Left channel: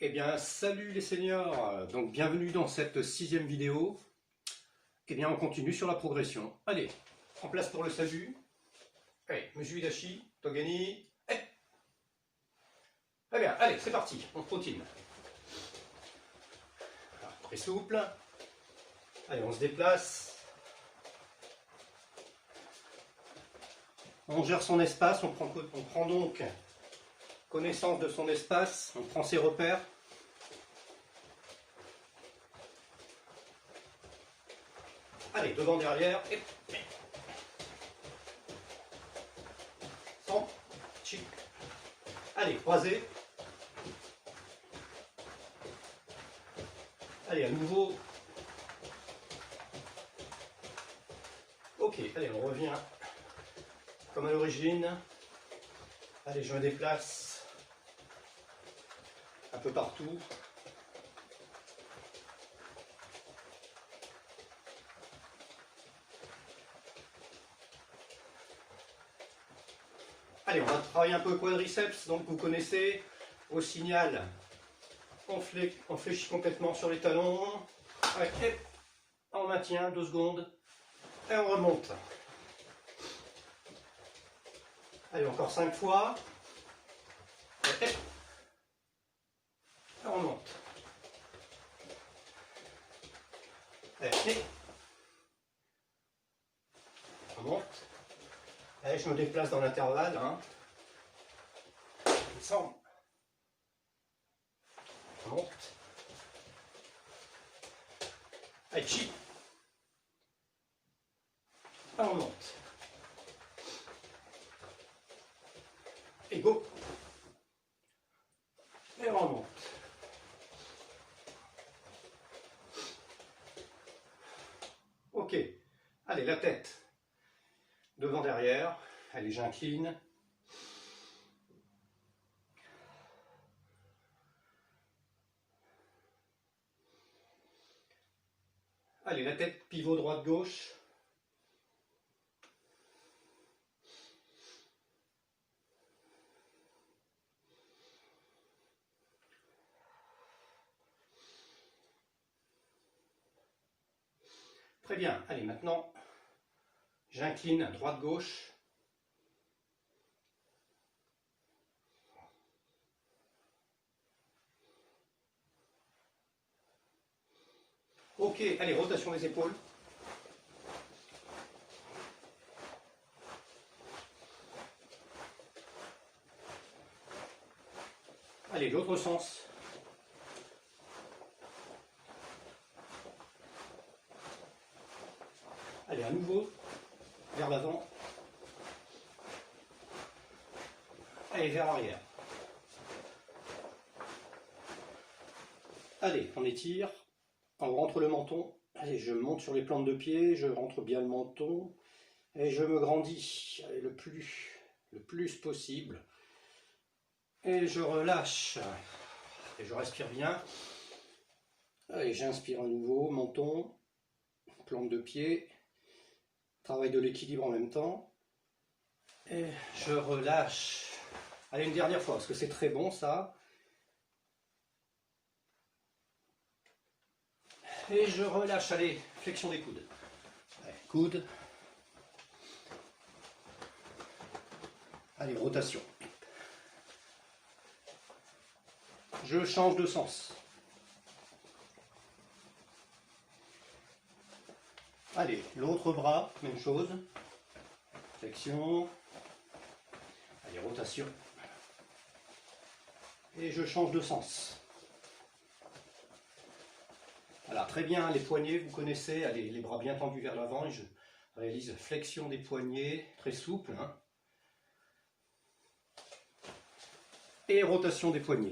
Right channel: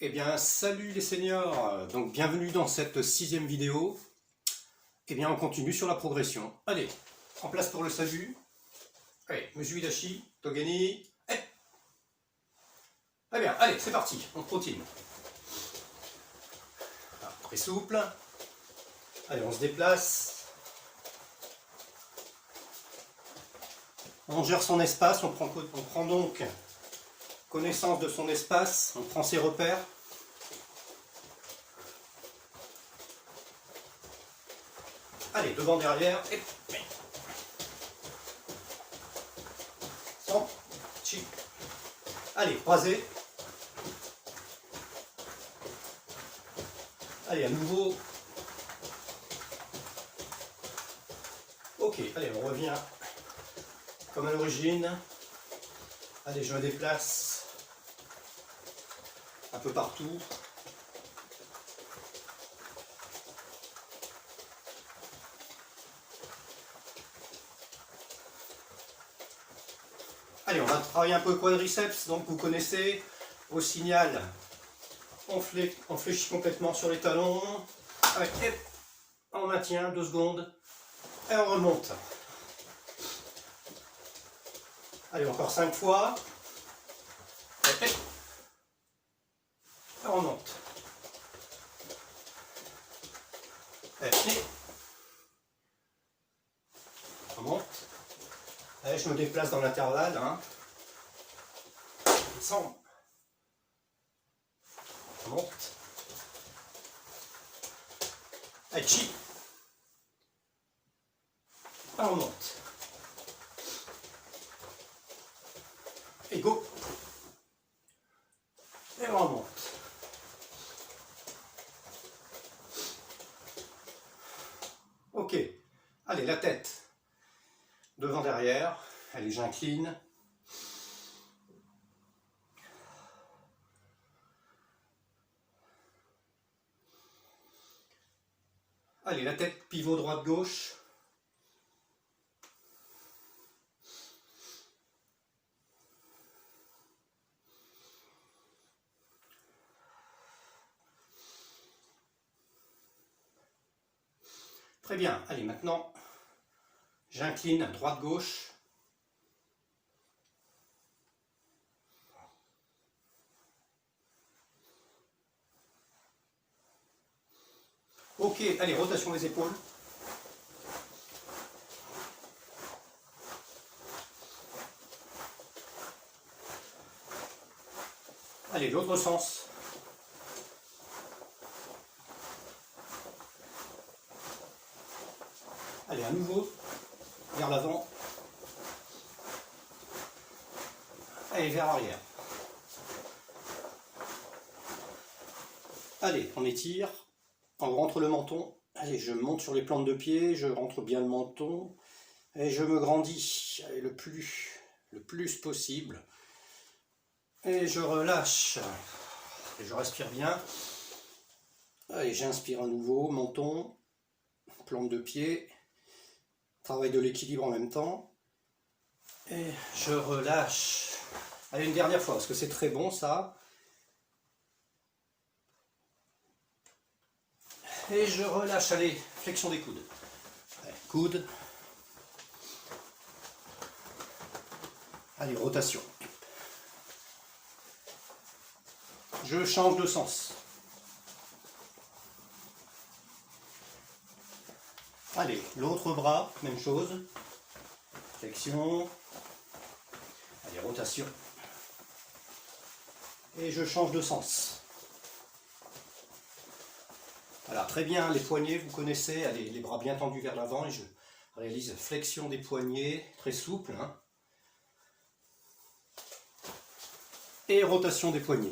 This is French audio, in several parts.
Eh bien, salut les seniors! Donc, bienvenue dans cette 6e vidéo. Eh bien, on continue sur la progression. Allez, en place pour le salut. Allez, Musui Dashi, Togeni. Très bien, allez, c'est parti, on continue. Voilà, très souple. Allez, on se déplace. On gère son espace, on prend donc connaissance de son espace, on prend ses repères. Allez, devant, derrière, et... Sans, chi. Allez, croisé. Allez, à nouveau. Ok, allez, on revient comme à l'origine. Allez, je me déplace un peu partout. Allez, on va travailler un peu le quadriceps, donc vous connaissez, au signal, on fléchit complètement sur les talons, et on maintient 2 secondes, et on remonte. Allez, encore 5 fois, et on remonte. Et on remonte. Allez, je me déplace dans l'intervalle. Descend. On monte. Allez, chi. On remonte. Et go. Et on remonte. Ok. Allez, la tête. Devant, derrière. Allez, j'incline. Allez, la tête, pivot droite-gauche. Très bien. Allez, maintenant, j'incline droite-gauche. Ok, allez, rotation des épaules. Allez, l'autre sens. Allez, à nouveau, vers l'avant. Allez, vers arrière. Allez, on étire. On rentre le menton. Allez, je monte sur les plantes de pied, je rentre bien le menton. Et je me grandis. Allez, le plus possible. Et je relâche. Et je respire bien. Allez, j'inspire à nouveau, menton, plante de pied. Travail de l'équilibre en même temps. Et je relâche. Allez, une dernière fois, parce que c'est très bon ça. Et je relâche, allez, flexion des coudes. Allez, coude. Allez, rotation. Je change de sens. Allez, l'autre bras, même chose. Flexion. Allez, rotation. Et je change de sens. Voilà, très bien, les poignets, vous connaissez, allez, les bras bien tendus vers l'avant et je réalise flexion des poignets, très souple. Et rotation des poignets.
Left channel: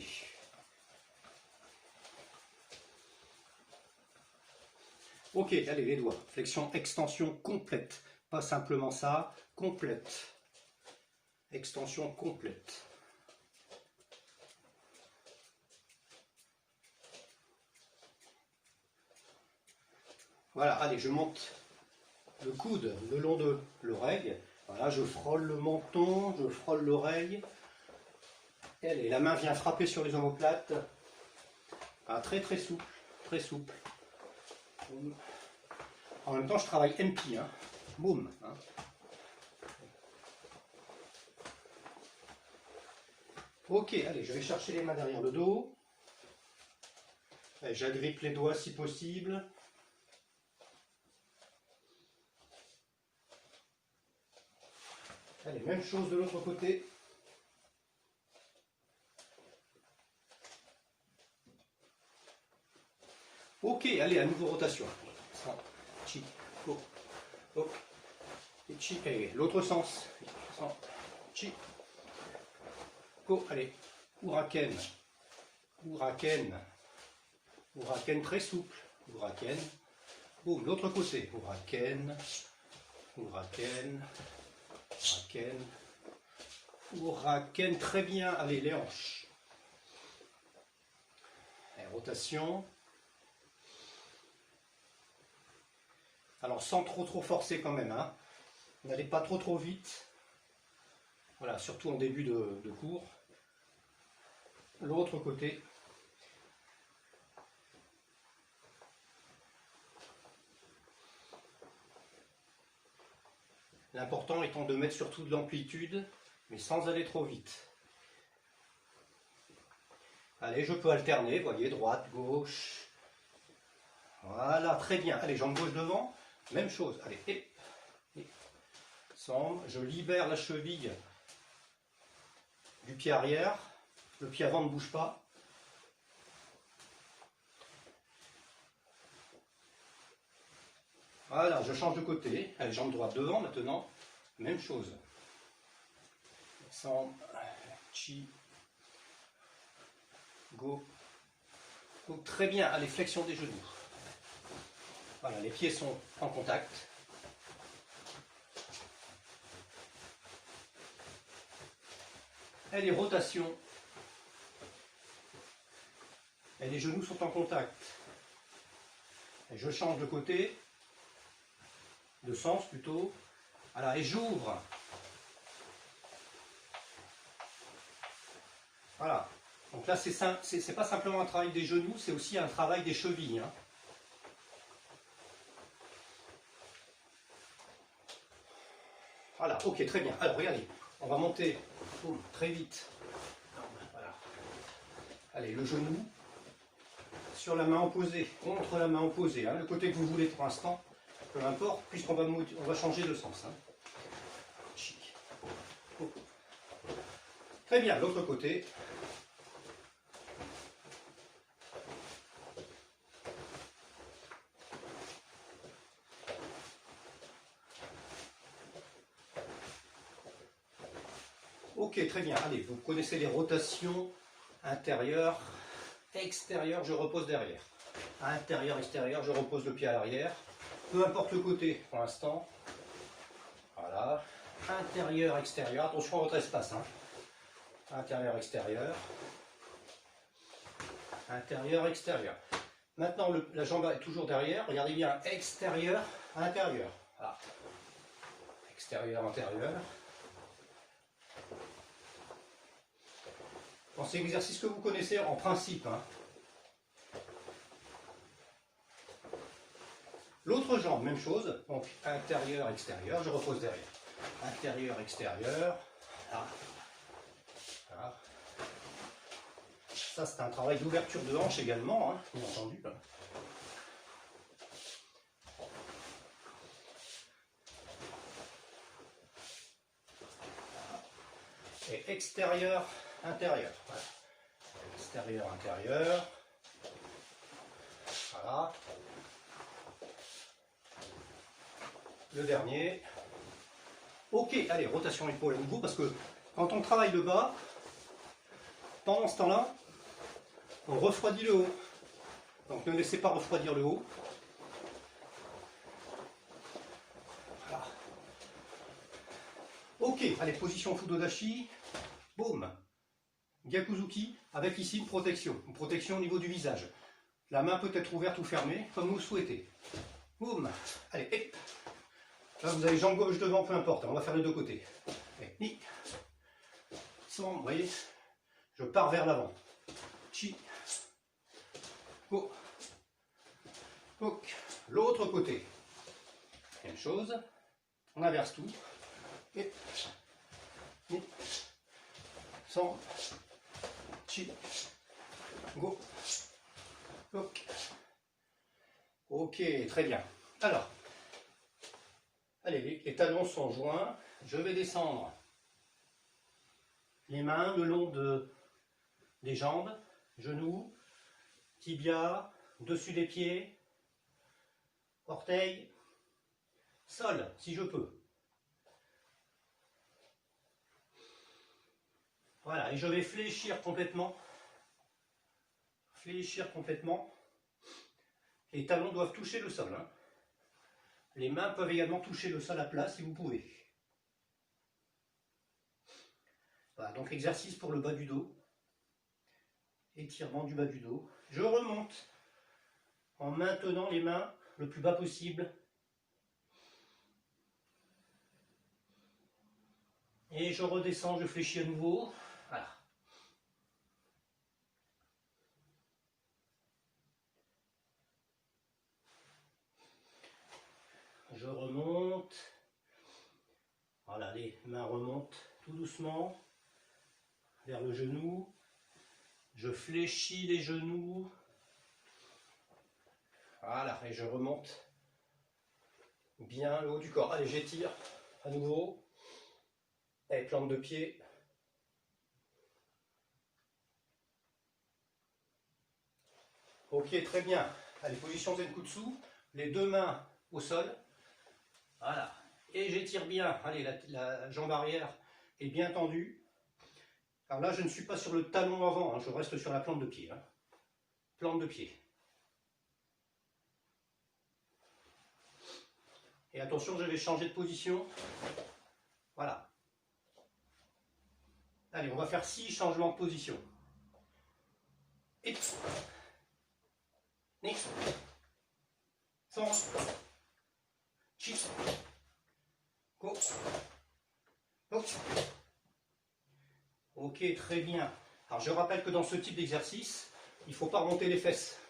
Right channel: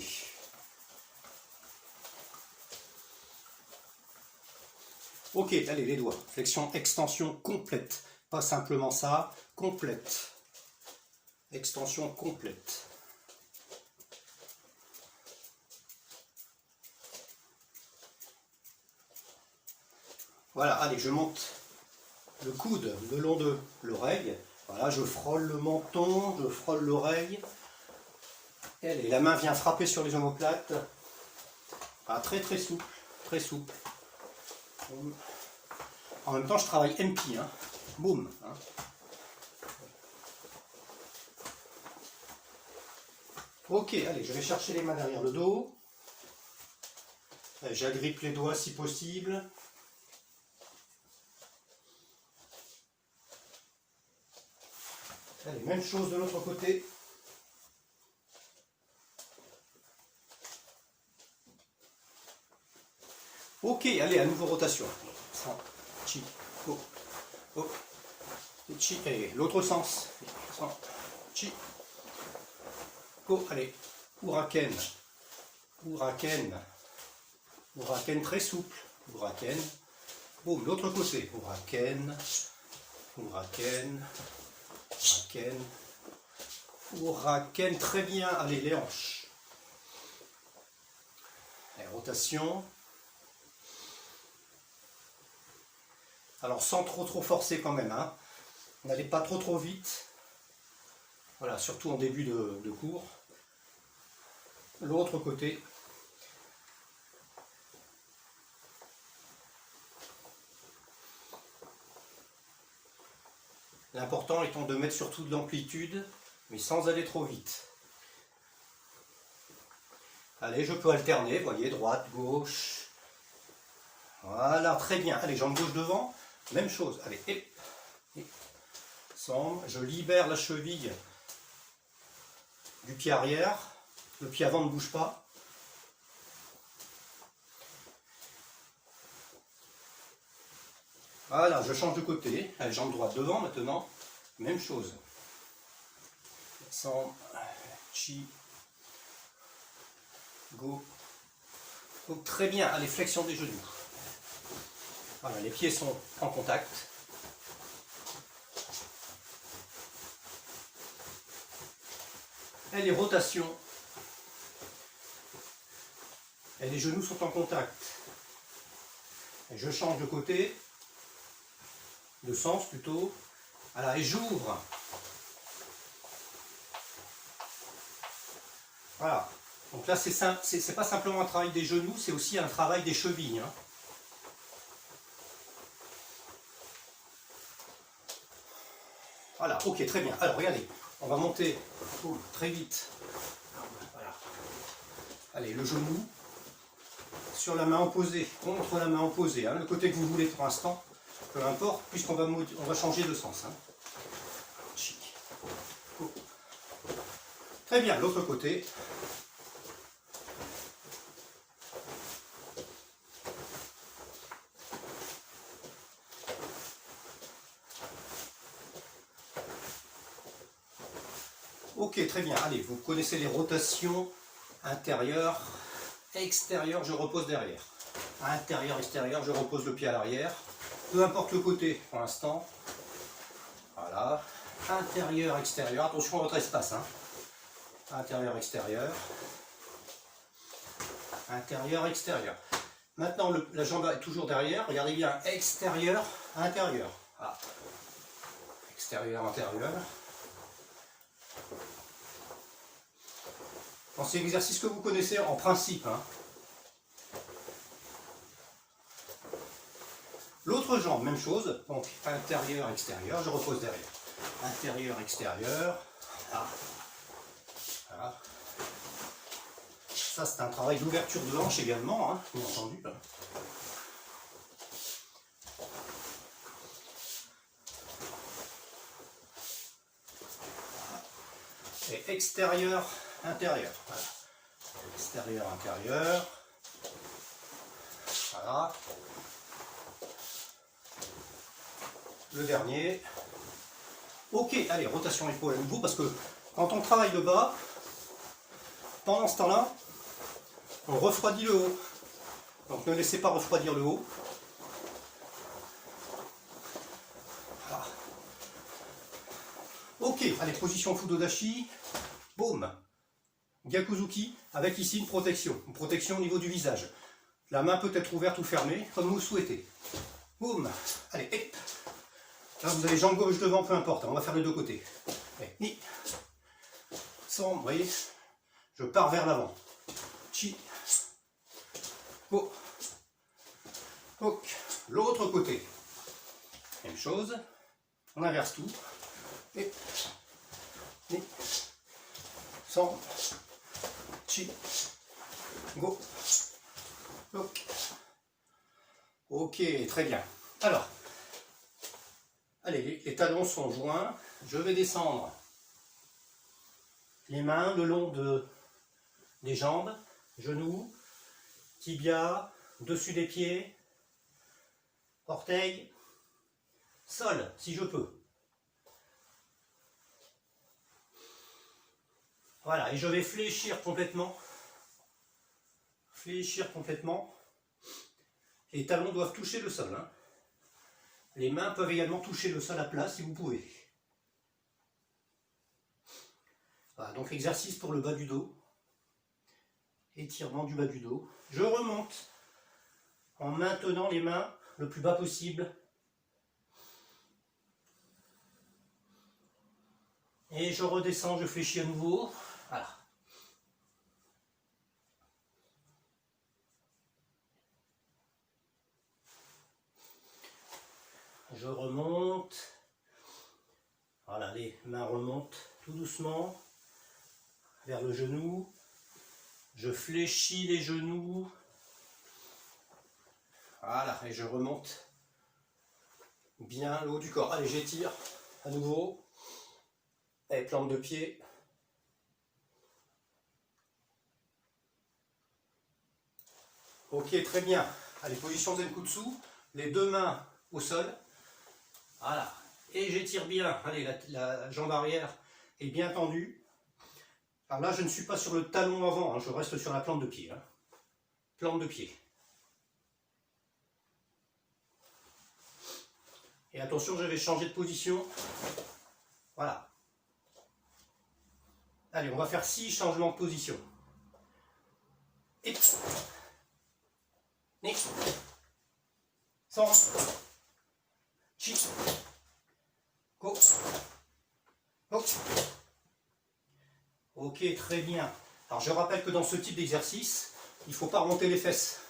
Ok, allez, les doigts. Flexion, extension complète. Pas simplement ça, complète. Extension complète. Voilà, allez, je monte le coude le long de l'oreille. Voilà, je frôle le menton, je frôle l'oreille. Et allez, la main vient frapper sur les omoplates. Ah, très très souple, très souple. Boum. En même temps, je travaille MP, hein. Boum. Hein. Ok, allez, je vais chercher les mains derrière le dos. J'agrippe les doigts si possible. Allez, même chose de l'autre côté. Ok, allez, à nouveau rotation. Chi, go, go. Chi, allez, l'autre sens. Chi, go, allez. Uraken. Uraken. Uraken très souple. Uraken. Boum, l'autre côté. Uraken. Uraken. Uraken. Uraken, très bien. Allez, les hanches. Et rotation. Alors sans trop forcer quand même, hein. N'allez pas trop vite. Voilà, surtout en début de cours. L'autre côté. L'important étant de mettre surtout de l'amplitude, mais sans aller trop vite. Allez, je peux alterner, vous voyez, droite, gauche. Voilà, très bien. Allez, jambe gauche devant, même chose. Allez, et je libère la cheville du pied arrière. Le pied avant ne bouge pas. Voilà, je change de côté. Allez, jambe droite devant maintenant. Même chose. Descendre. Chi. Go. Donc très bien. Allez, flexion des genoux. Voilà, les pieds sont en contact. Et les rotations. Et les genoux sont en contact. Et je change de côté. De sens plutôt. Voilà, et j'ouvre. Voilà. Donc là, c'est pas simplement un travail des genoux, c'est aussi un travail des chevilles. Hein. Voilà, ok, très bien. Alors, regardez, on va monter très vite. Voilà. Allez, le genou sur la main opposée, contre la main opposée. Hein, le côté que vous voulez pour l'instant, peu importe, puisqu'on va changer de sens. Hein. Chic. Oh. Très bien, l'autre côté. Ok, très bien. Allez, vous connaissez les rotations intérieures, extérieures, je repose derrière. Intérieur, extérieur, je repose le pied à l'arrière. Peu importe le côté pour l'instant. Voilà. Intérieur, extérieur. Attention à votre espace. Hein. Intérieur, extérieur. Intérieur, extérieur. Maintenant, la jambe est toujours derrière. Regardez bien. Extérieur, intérieur. Voilà. Extérieur, intérieur. Bon, c'est l'exercice que vous connaissez en principe. Hein. L'autre jambe, même chose. Donc, intérieur, extérieur. Je repose derrière. Intérieur, extérieur. Voilà. Voilà. Ça, c'est un travail d'ouverture de hanche également, hein, bien entendu. Et extérieur, intérieur. Voilà. Extérieur, intérieur. Voilà. Le dernier. Ok, allez, rotation épaule à nouveau, parce que quand on travaille le bas, pendant ce temps-là, on refroidit le haut. Donc ne laissez pas refroidir le haut. Voilà. Ok, allez, position Fudodashi. Boum. Gyakuzuki, avec ici une protection au niveau du visage. La main peut être ouverte ou fermée, comme vous le souhaitez. Boum. Allez, et. Là, vous avez jambe gauche devant, peu importe, on va faire les deux côtés. Et, sans, vous voyez, je pars vers l'avant. Chi. Oh. Donc, l'autre côté. Même chose. On inverse tout. Et sans chi go. Donc. Ok, très bien. Alors, allez, les talons sont joints. Je vais descendre les mains le long des jambes, genoux, tibia, dessus des pieds, orteils, sol, si je peux. Voilà, et je vais fléchir complètement. Fléchir complètement. Les talons doivent toucher le sol. Hein. Les mains peuvent également toucher le sol à plat si vous pouvez. Voilà, donc exercice pour le bas du dos. Étirement du bas du dos. Je remonte en maintenant les mains le plus bas possible. Et je redescends, je fléchis à nouveau. Voilà. Je remonte. Voilà, les mains remontent tout doucement vers le genou. Je fléchis les genoux. Voilà, et je remonte bien le haut du corps. Allez, j'étire à nouveau. Et plante de pied. Ok, très bien. Allez, position Zenkutsu. Les deux mains au sol. Voilà. Et j'étire bien. Allez, la jambe arrière est bien tendue. Alors là, je ne suis pas sur le talon avant. Hein, je reste sur la plante de pied. Hein. Plante de pied. Et attention, je vais changer de position. Voilà. Allez, on va faire 6 changements de position. Et next. Sans. Chi. Go. Go. Ok, très bien. Alors je rappelle que dans ce type d'exercice, il ne faut pas remonter les fesses.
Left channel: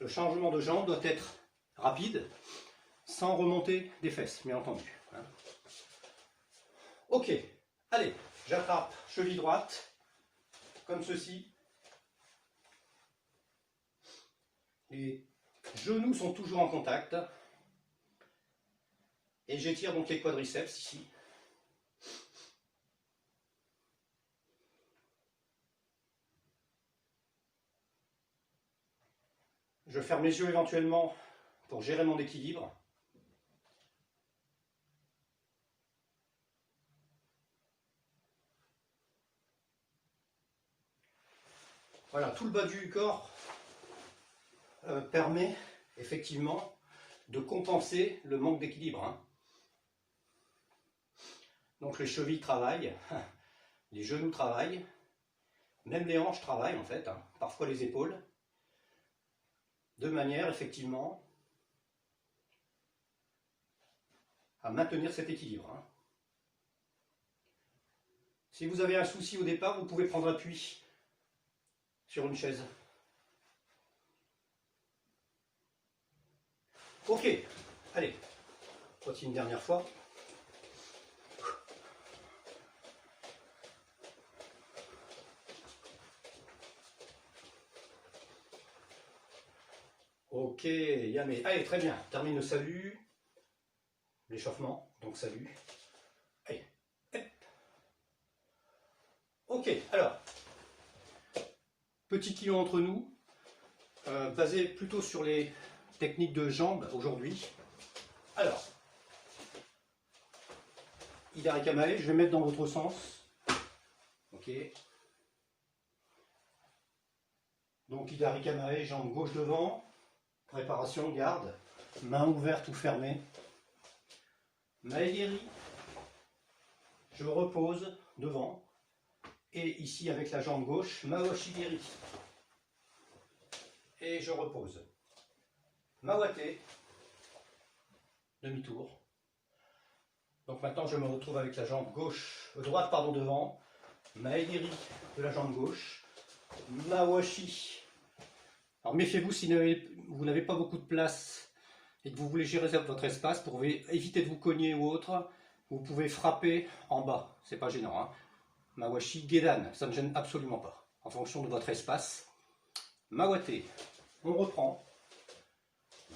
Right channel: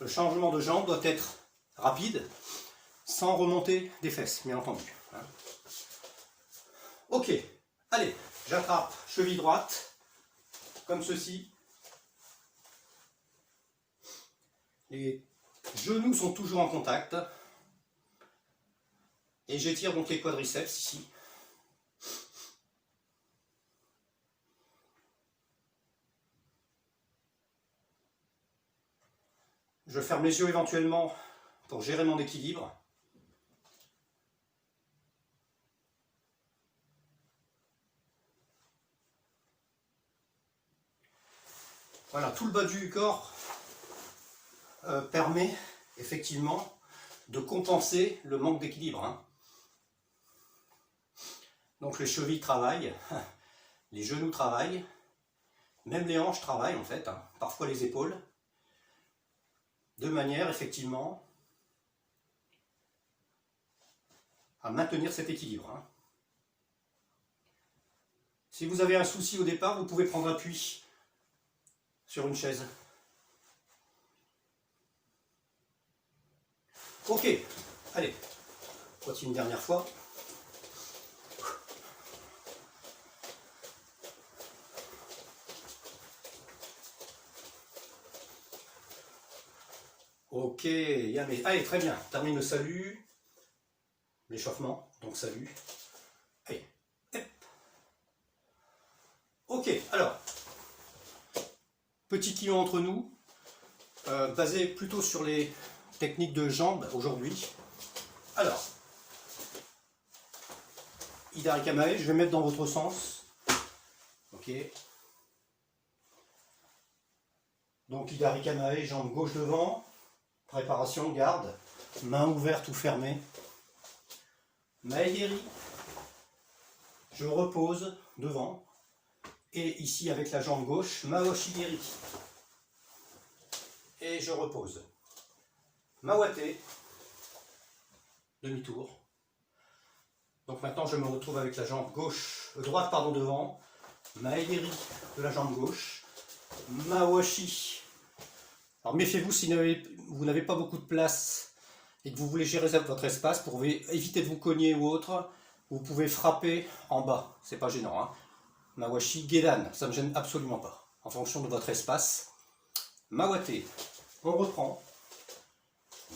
Le changement de jambe doit être rapide, sans remonter des fesses, bien entendu. Ok, allez, j'attrape cheville droite, comme ceci. Les genoux sont toujours en contact. Et j'étire donc les quadriceps ici. Je ferme les yeux éventuellement pour gérer mon équilibre. Voilà, tout le bas du corps permet effectivement de compenser le manque d'équilibre. Hein. Donc les chevilles travaillent, les genoux travaillent, même les hanches travaillent en fait, hein, parfois les épaules, de manière effectivement à maintenir cet équilibre. Hein. Si vous avez un souci au départ, vous pouvez prendre appui sur une chaise. Ok, allez, continue une dernière fois. Ok, Yamé. Allez, très bien. Termine le salut. L'échauffement, donc salut. Allez, hop. Ok, alors, petit kilo entre nous, basé plutôt sur les techniques de jambes aujourd'hui. Alors, Hidari Kamae, je vais mettre dans votre sens. Ok. Donc Hidari Kamae, jambe gauche devant. Préparation, garde. Main ouverte ou fermée. Maegeri. Je repose devant. Et ici avec la jambe gauche, Maoshigeri. Et je repose. Mawate. Demi-tour. Donc maintenant je me retrouve avec la jambe gauche, droite pardon devant. Maegeri de la jambe gauche. Mawashi Alors méfiez-vous si vous n'avez pas beaucoup de place et que vous voulez gérer votre espace, pour éviter de vous cogner ou autre, vous pouvez frapper en bas, c'est pas gênant. Hein. Mawashi Gedan, ça ne me gêne absolument pas, en fonction de votre espace. Mawate, on reprend.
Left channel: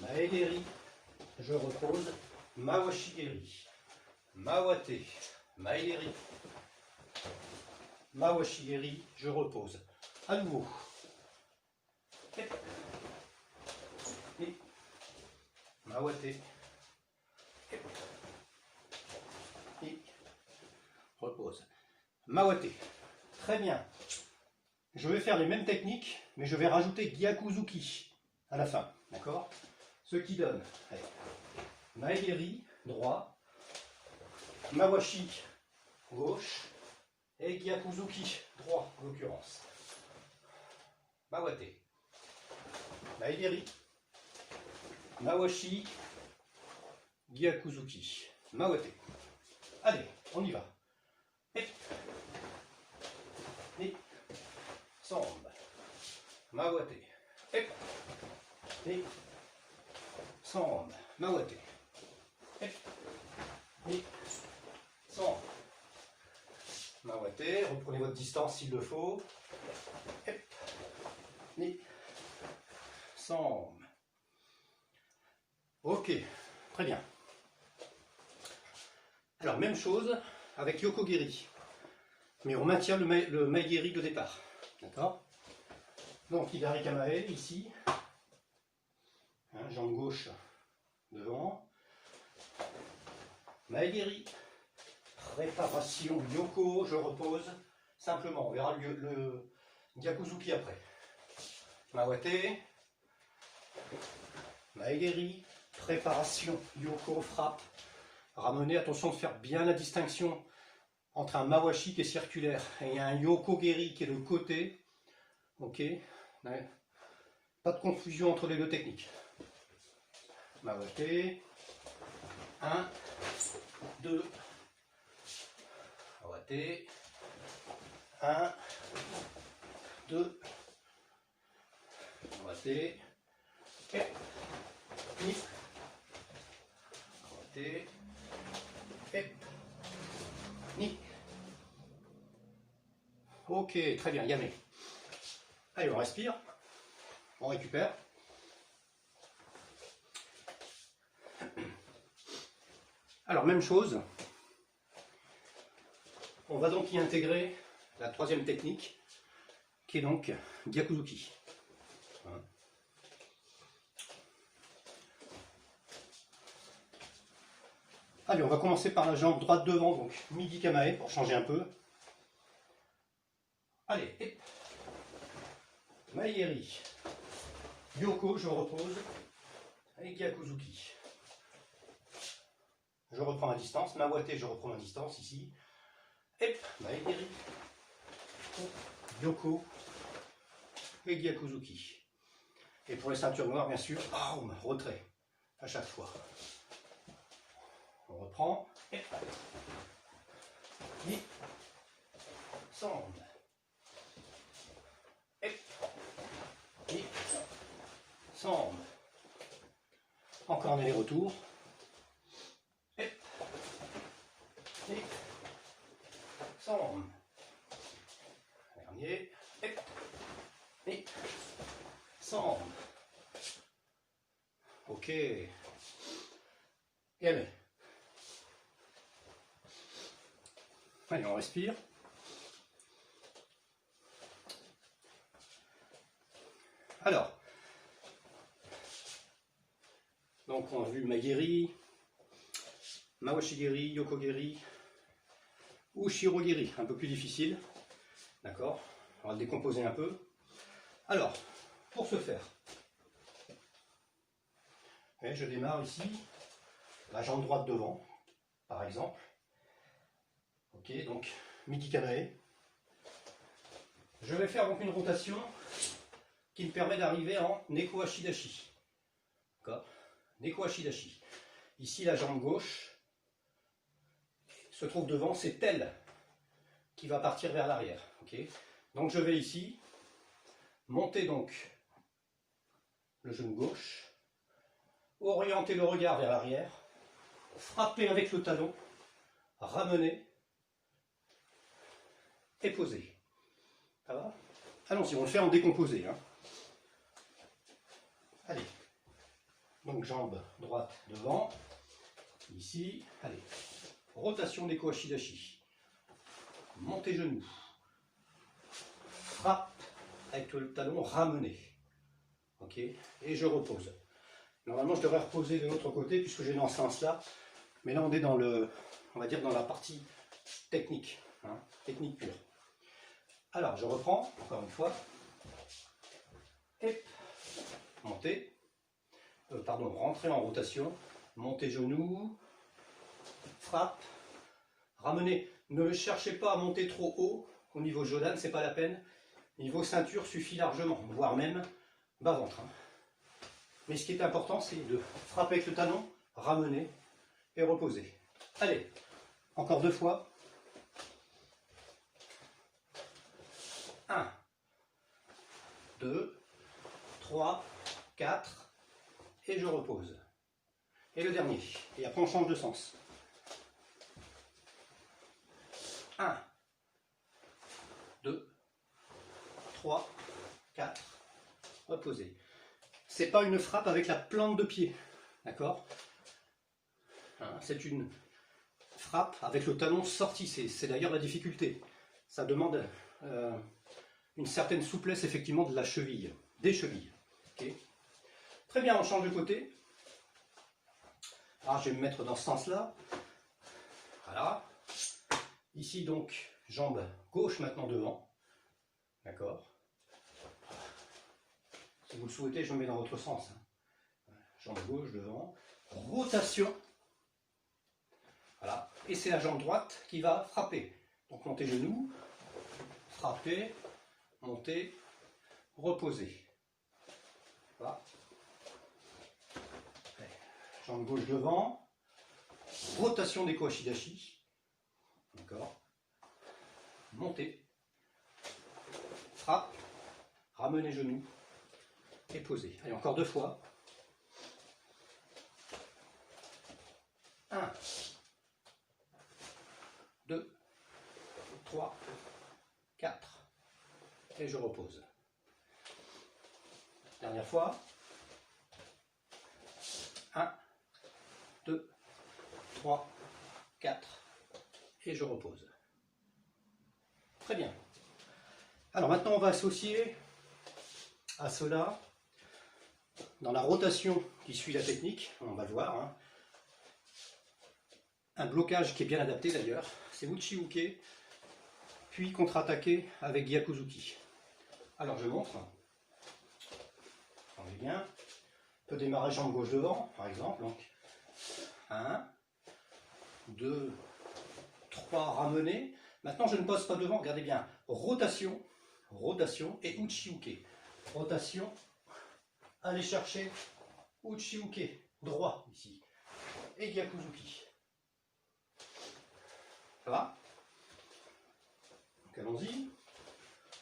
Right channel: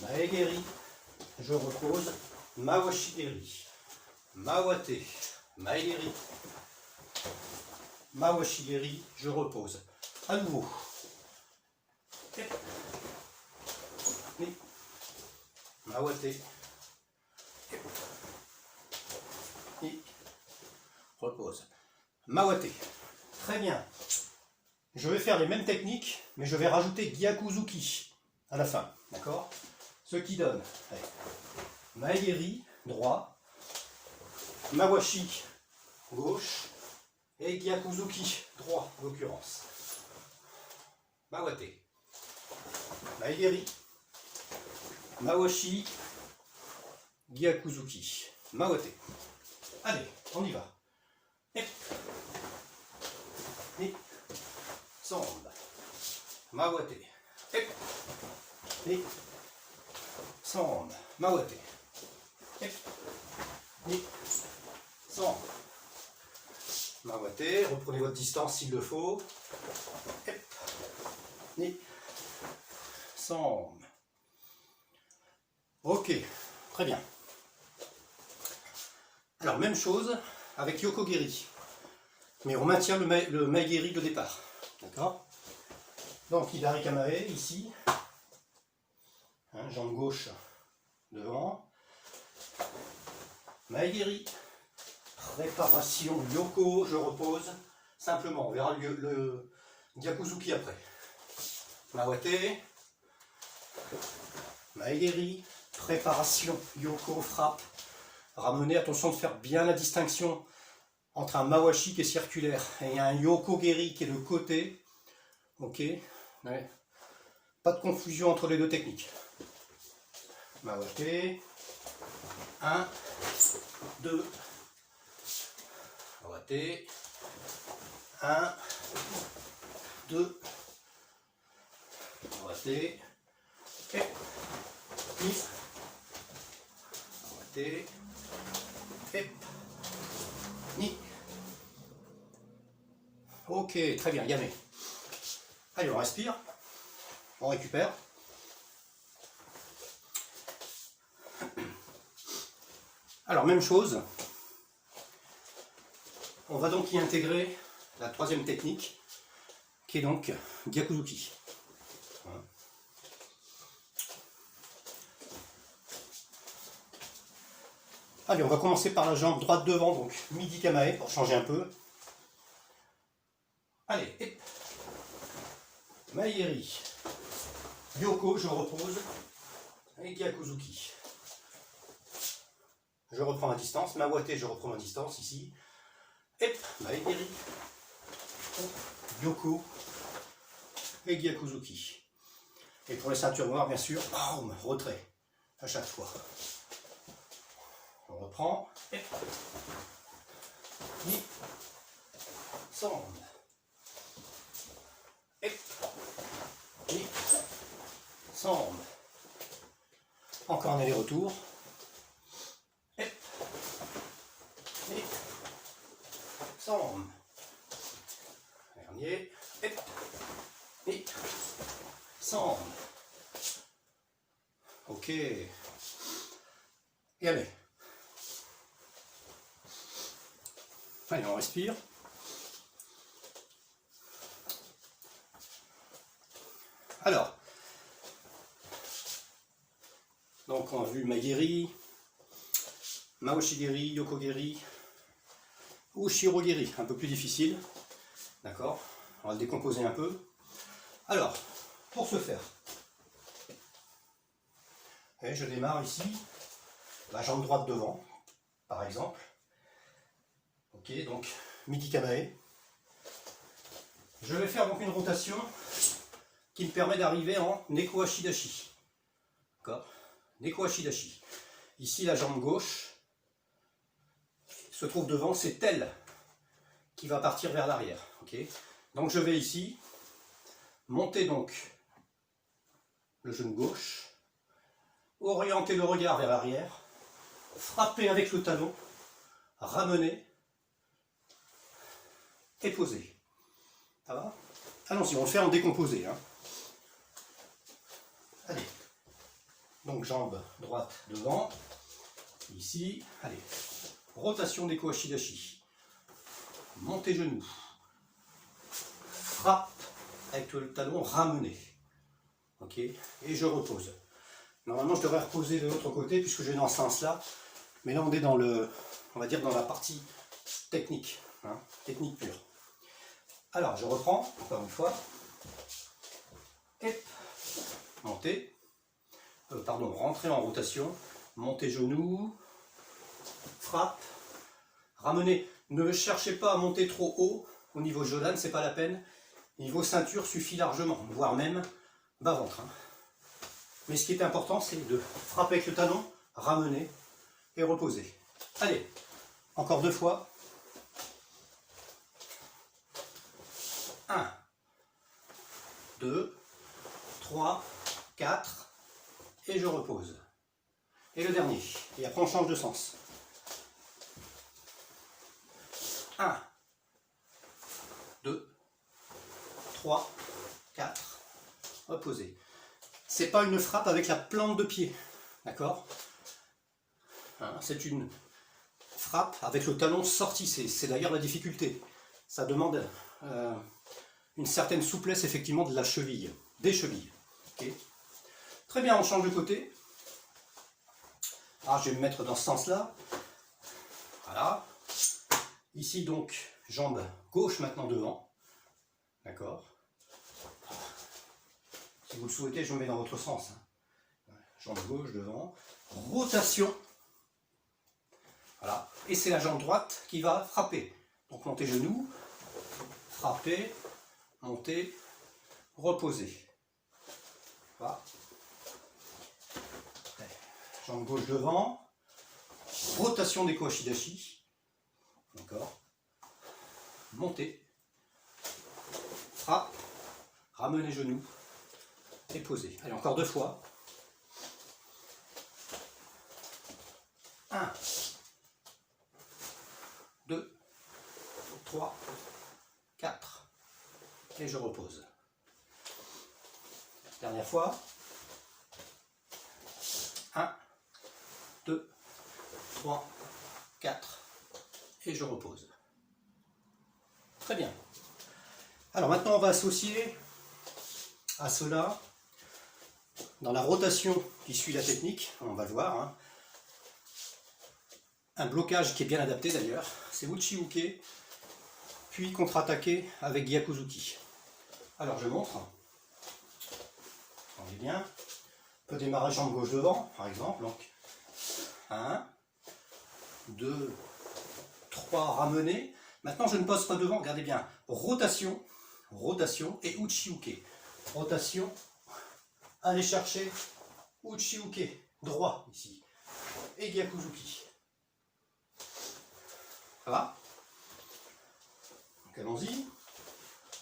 Maegeri, je repose. Mawashigeri, Mawate, Maegeri, Mawashigeri, je repose. À nouveau. Mawate. Et repose. Mawate. Très bien. Je vais faire les mêmes techniques, mais je vais rajouter Gyakuzuki à la fin. D'accord? Ce qui donne Maegeri, droit, Mawashi, gauche, et Gyakuzuki, droit, en l'occurrence. Mawate. Maegeri, Mawashi, Gyakuzuki, Mawate. Allez, on y va. Et Sambe. Mawate. Et Sambe. Mawate. Et Sambe. Mawate. Reprenez votre distance s'il le faut. Et Sambe. Ok, très bien. Alors, même chose avec Yokogeri. Mais on maintient le Maegeri de départ. D'accord? Donc, Hidari Kamae, ici. Hein, jambe gauche devant. Maegeri. Préparation Yoko, je repose. Simplement, on verra le Gyakuzuki après. Mawate. Maegeri. Préparation Yoko, frappe. Ramenez, attention de faire bien la distinction entre un Mawashi qui est circulaire et un Yokogeri qui est de côté. Ok, ouais. Pas de confusion entre les deux techniques. Mawate. 1, 2. Mawate. 1, 2. Mawate. Et Mawate. Ni. Ok, très bien, Yame. Allez, on respire. On récupère. Alors, même chose. On va donc y intégrer la troisième technique, qui est donc Gyakuzuki. Allez, on va commencer par la jambe droite devant, donc midi kamae pour changer un peu. Allez, et Maegeri, Yoko, je repose, et Gyakuzuki. Je reprends ma distance, Mawate, je reprends ma distance ici. Et Maegeri, Yoko, et Gyakuzuki. Et pour les ceintures noires, bien sûr, boum, retrait à chaque fois. On reprend. Et Sambe. Et Sambe. Encore un aller-retour. Et Sambe. Dernier. Et Sambe. Ok. Et allez. Allez, on respire. Alors, donc on a vu Maegeri, Maoshigeri, Yokogeri, ou Shirogeri, un peu plus difficile. D'accord? On va le décomposer un peu. Alors, pour ce faire, et je démarre ici, la jambe droite devant, par exemple. Ok, donc midi kamae. Je vais faire donc une rotation qui me permet d'arriver en Neko Ashidashi. D'accord? Neko Ashidashi. Ici, la jambe gauche se trouve devant, c'est elle qui va partir vers l'arrière. Okay? Donc je vais ici monter donc le genou gauche, orientez le regard vers l'arrière, frappez avec le talon, ramenez et posez. Ça va? Allons-y, on va le faire en décomposé. Hein. Allez. Donc jambe droite devant. Ici. Allez. Rotation des Ashidashi. Montez genoux. Frappe avec le talon ramené. Ok. Et je repose. Normalement, je devrais reposer de l'autre côté puisque je vais dans ce sens-là. Mais là, on est dans le, on va dire dans la partie technique. Hein, technique pure. Alors, je reprends, encore une fois. Et montez. Rentrez en rotation. Montez genoux. Frappe. Ramenez. Ne cherchez pas à monter trop haut. Au niveau Jolan, c'est pas la peine. Niveau ceinture suffit largement, voire même bas-ventre. Hein. Mais ce qui est important, c'est de frapper avec le talon, ramener et reposer. Allez, encore 2 fois. 1, 2, 3, 4, et je repose. Et le dernier. Et après on change de sens. 1, 2, 3, 4, reposez. C'est pas une frappe avec la plante de pied, d'accord? C'est une frappe avec le talon sorti, c'est d'ailleurs la difficulté. Ça demande une certaine souplesse effectivement de la cheville, des chevilles. Okay. Très bien, on change de côté. Alors je vais me mettre dans ce sens-là. Voilà. Ici donc, jambe gauche maintenant devant. D'accord. Si vous le souhaitez, je me mets dans votre sens. Jambe gauche devant. Rotation. Voilà. Et c'est la jambe droite qui va frapper. Donc montez genoux, frappez, montez, reposez. Voilà. Jambe gauche devant. Rotation des Ashidashi. D'accord. Montez. Frappe. Ramenez genoux. Et posez. Allez, encore 2 fois. 1, 2, 3, 4. Et je repose. Dernière fois. 1, 2, 3, 4. Et je repose. Très bien. Alors maintenant, on va associer à cela, dans la rotation qui suit la technique, on va le voir, hein, un blocage qui est bien adapté d'ailleurs, c'est Uchi-Uke, puis contre-attaquer avec Gyakuzuki. Alors je montre, on est bien, on peut démarrer jambe gauche devant, par exemple, donc 1, 2, 3, ramener. Maintenant je ne pose pas devant, regardez bien, rotation, rotation et Uchi-Uke. Rotation, allez chercher Uchi-Uke, droit ici, et Gyakuzuki. Ça va? Donc allons-y,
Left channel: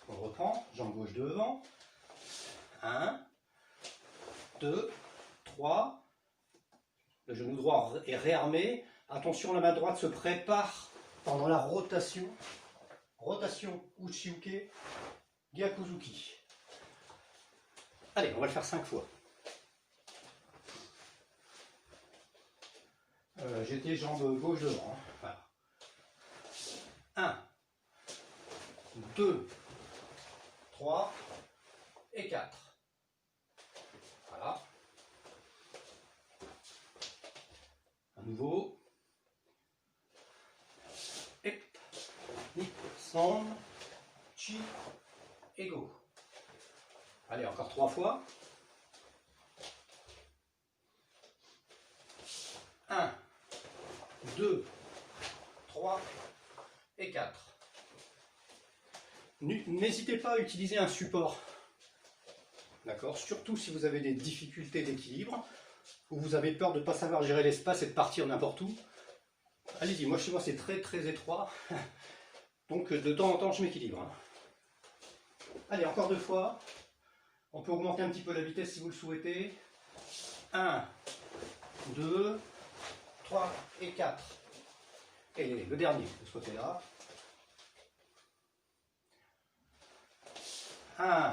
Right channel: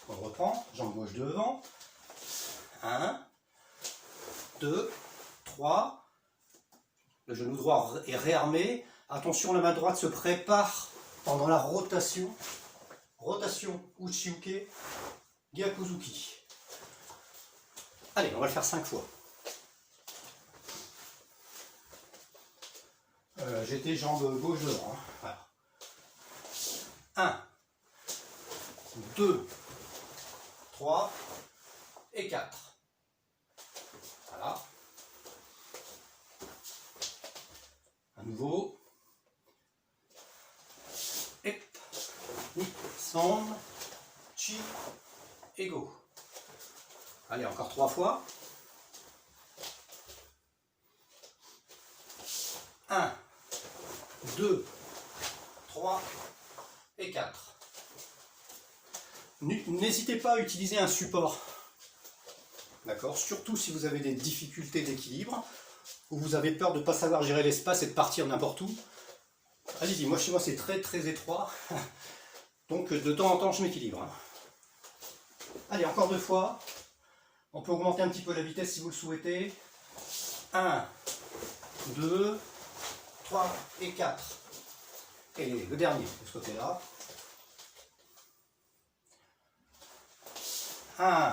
on reprend, jambe gauche devant, 1, 2, 3, le genou droit est réarmé, attention la main droite se prépare pendant la rotation, rotation Uchi-Uke, Gyakuzuki. Allez, on va le faire 5 fois. J'étais jambe gauche devant. Hein. Voilà. 1, 2, 3 et 4. Voilà. À nouveau. Et San, Chi, et go. Allez, encore 3 fois. 1, 2, 3 et 4. N'hésitez pas à utiliser un support. D'accord? Surtout si vous avez des difficultés d'équilibre, ou vous avez peur de ne pas savoir gérer l'espace et de partir n'importe où. Allez-y, moi chez moi c'est très très étroit. Donc de temps en temps je m'équilibre. Allez, encore 2 fois. On peut augmenter un petit peu la vitesse si vous le souhaitez. 1, 2, 3 et 4. Et le dernier de ce côté-là. 1,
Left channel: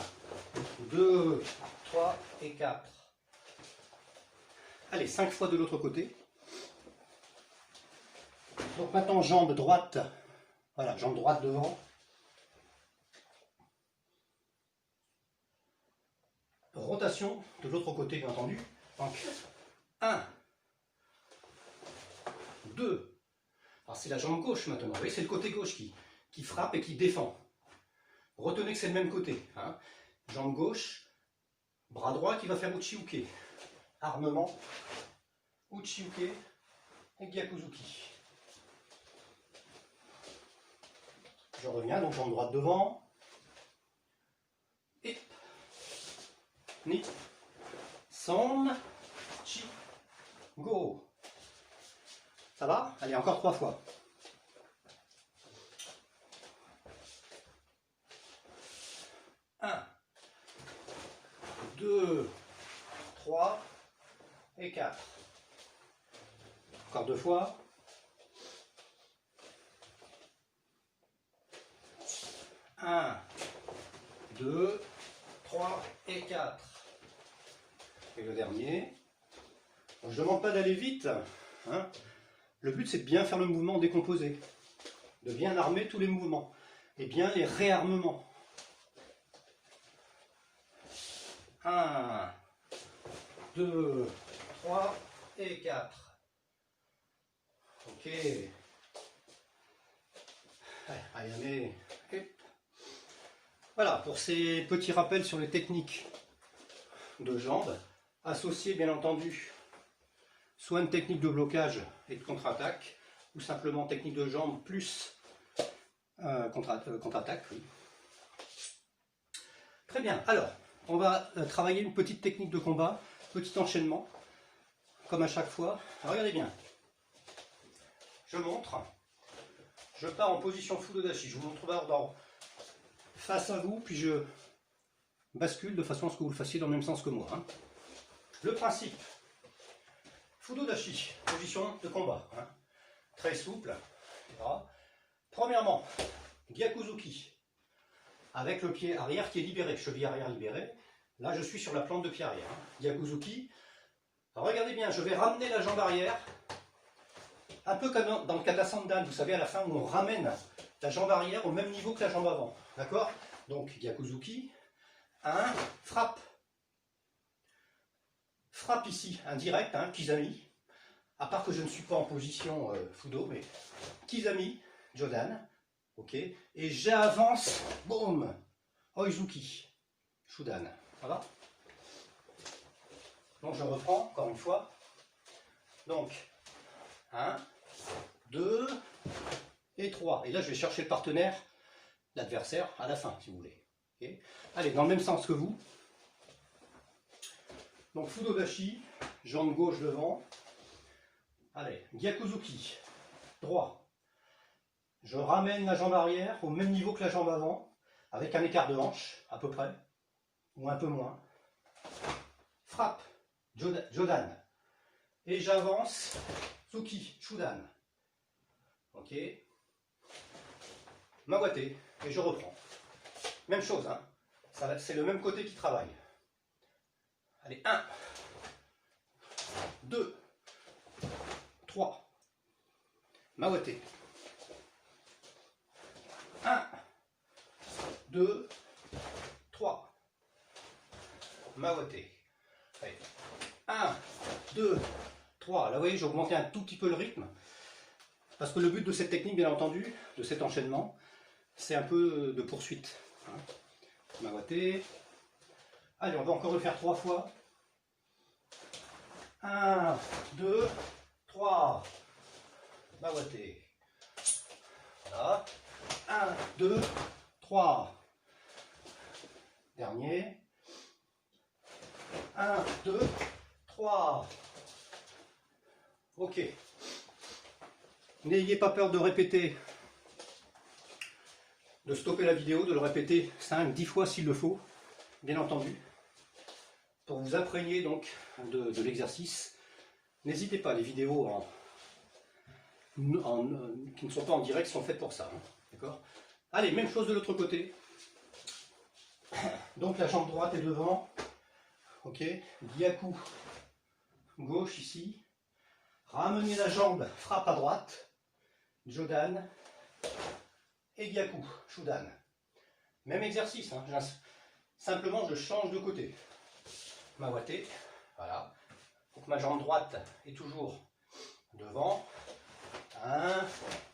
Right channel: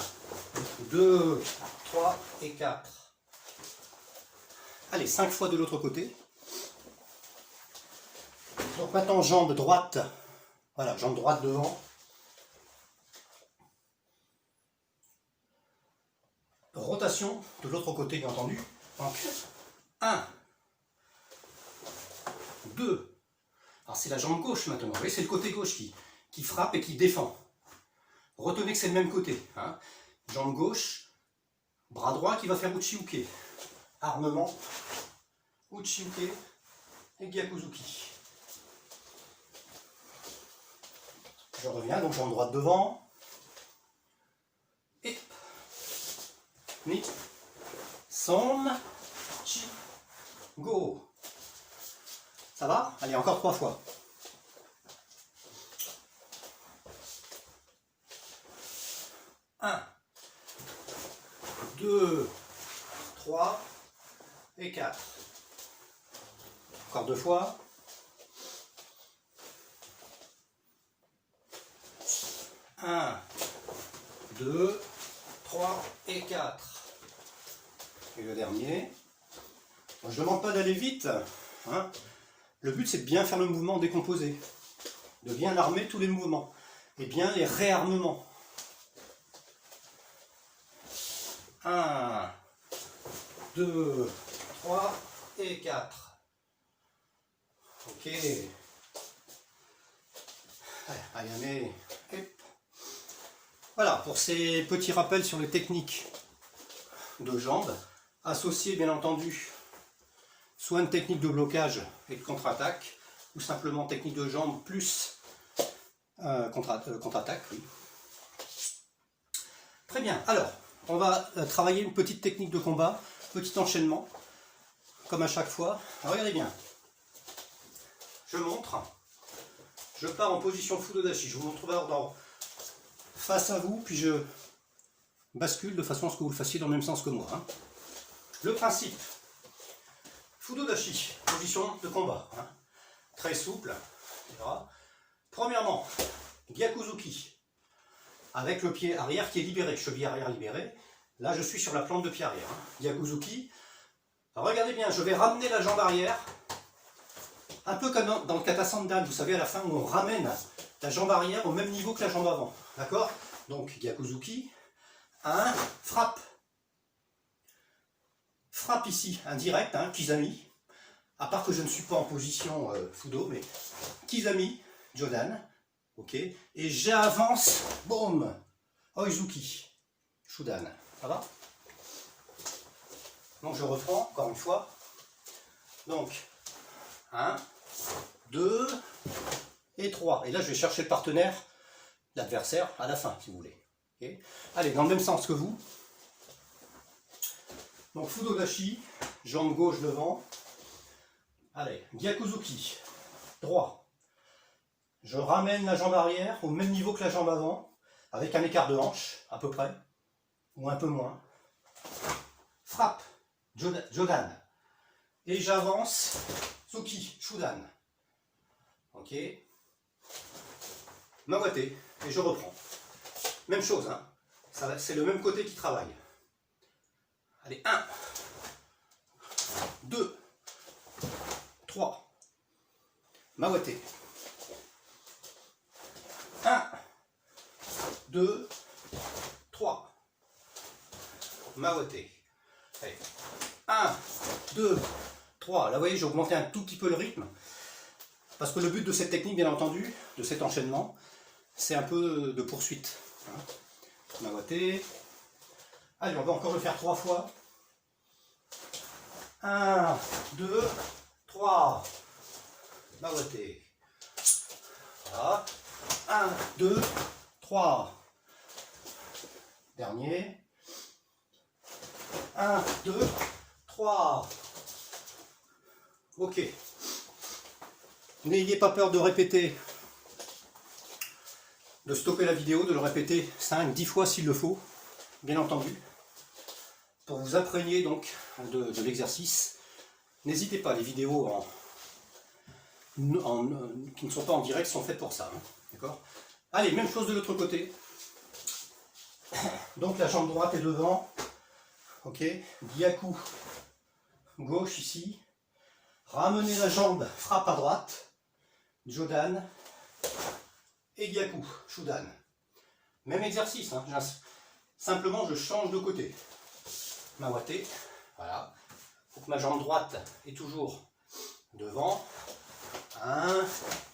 2, 3 et 4. Allez, 5 fois de l'autre côté. Donc maintenant, jambe droite. Voilà, jambe droite devant. Rotation de l'autre côté, bien entendu. Donc, 1, 2. Alors c'est la jambe gauche maintenant. Vous voyez, c'est le côté gauche qui frappe et qui défend. Retenez que c'est le même côté. Hein. Jambe gauche, bras droit qui va faire Uchi-uke. Armement, Uchi-uke et Gyakuzuki. Je reviens, donc jambe droite devant. Et ni, son, chi, go. Ça va? Allez, encore 3 fois. 1, 2, 3 et 4. Encore 2 fois. 1, 2, 3 et 4. Et le dernier. Je ne demande pas d'aller vite. Hein. Le but, c'est de bien faire le mouvement décomposé. De bien armer tous les mouvements. Et bien les réarmements. 1, 2, 3 et 4. Ok. Allez. Voilà, pour ces petits rappels sur les techniques de jambes, associées bien entendu soit une technique de blocage et de contre-attaque, ou simplement technique de jambes plus contre-attaque. Oui. Très bien, alors, on va travailler une petite technique de combat, petit enchaînement, comme à chaque fois. Regardez bien, je montre, je pars en position Fudodashi, je vous montre d'abord face à vous, puis je bascule de façon à ce que vous le fassiez dans le même sens que moi. Hein. Le principe, Fudodashi, position de combat, hein. Très souple. Voilà. Premièrement, Gyakuzuki, avec le pied arrière qui est libéré, cheville arrière libérée. Là, je suis sur la plante de pied arrière. Hein. Gyakuzuki. Alors, regardez bien, je vais ramener la jambe arrière, un peu comme dans le kata sandan, vous savez, à la fin où on ramène la jambe arrière au même niveau que la jambe avant. D'accord? Donc, Gyakuzuki. 1, frappe. Frappe ici, indirect, hein, Kizami. À part que je ne suis pas en position Fudo, mais Kizami, Jodan. Ok. Et j'avance, boum, Oizuki, Shudan. Ça va? Donc je reprends, encore une fois. Donc, 1, 2 et 3. Et là, je vais chercher le partenaire, l'adversaire, à la fin, si vous voulez. Okay. Allez, dans le même sens que vous. Donc, Fudodashi, jambe gauche devant. Allez, Gyakuzuki, droit. Je ramène la jambe arrière au même niveau que la jambe avant, avec un écart de hanche, à peu près, ou un peu moins. Frappe, Jodan. Et j'avance, Tsuki, Shudan. Ok. Mawate, et je reprends. Même chose, hein. C'est le même côté qui travaille. Allez, 1, 2, 3. Mawate. 1, 2, 3. Mawate. Allez. 1, 2, 3. Là, vous voyez, j'ai augmenté un tout petit peu le rythme. Parce que le but de cette technique, bien entendu, de cet enchaînement, c'est un peu de poursuite. Hein. Mawate. Allez, on va encore le faire 3 fois. 1, 2, 3. Mawate. Voilà. 1, 2, 3. Dernier. 1, 2, 3. Ok. N'ayez pas peur de répéter, de stopper la vidéo, de le répéter 5, 10 fois s'il le faut, bien entendu. pour vous imprégner donc de l'exercice. N'hésitez pas, les vidéos qui ne sont pas en direct sont faites pour ça. Hein, d'accord? Allez, même chose de l'autre côté. Donc la jambe droite est devant. Ok, Gyaku gauche ici. Ramenez la jambe, frappe à droite. Jodan. Et Gyaku, Shudan. Même exercice, hein. Simplement je change de côté. Mawate, voilà. Faut que ma jambe droite est toujours devant. 1,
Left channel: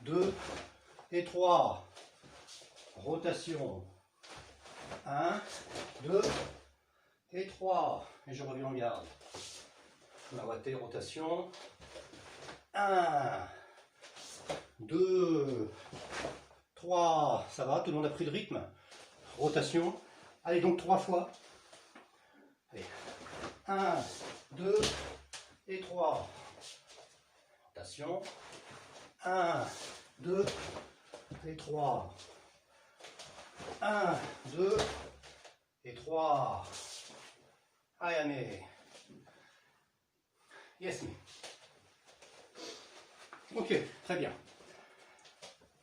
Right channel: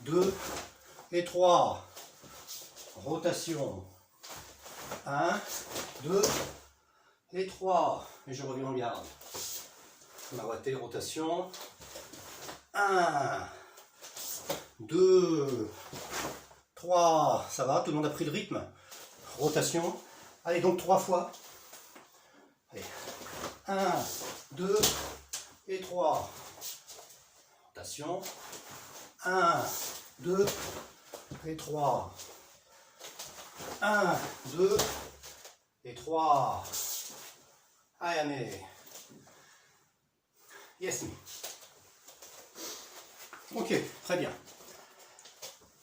2 et 3. Rotation. 1, 2 et 3. Et je reviens en garde. Mawate, rotation. 1, 2, 3. Ça va, tout le monde a pris le rythme. Rotation. Allez, donc 3 fois. Allez. 1, 2 et 3. Rotation. 1, 2 et 3. 1, 2 et 3. Ayame. Yes me. Ok, très bien.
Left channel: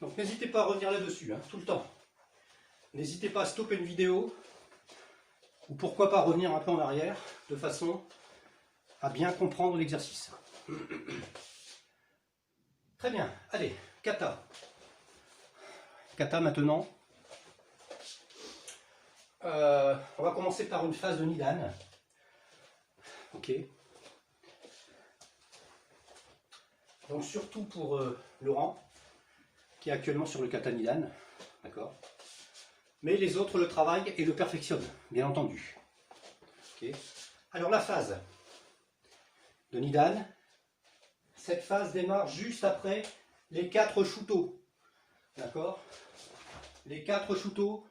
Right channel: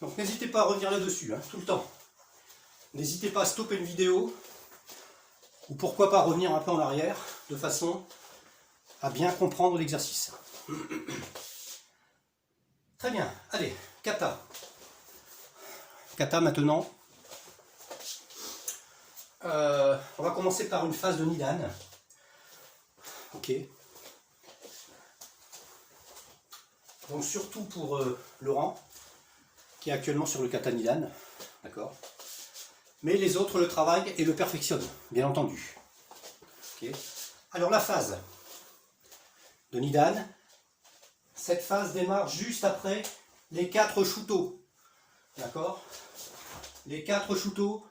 Donc n'hésitez pas à revenir là-dessus, hein, tout le temps. N'hésitez pas à stopper une vidéo, ou pourquoi pas revenir un peu en arrière, de façon à bien comprendre l'exercice. Très bien, allez, kata. Kata maintenant. On va commencer par une phase de Nidan. Ok. Donc surtout pour Laurent, qui est actuellement sur le kata Nidan. D'accord. Mais les autres le travaillent et le perfectionnent, bien entendu. Okay. Alors la phase de Nidan, cette phase démarre juste après les 4 shuto. D'accord. Les 4 shuto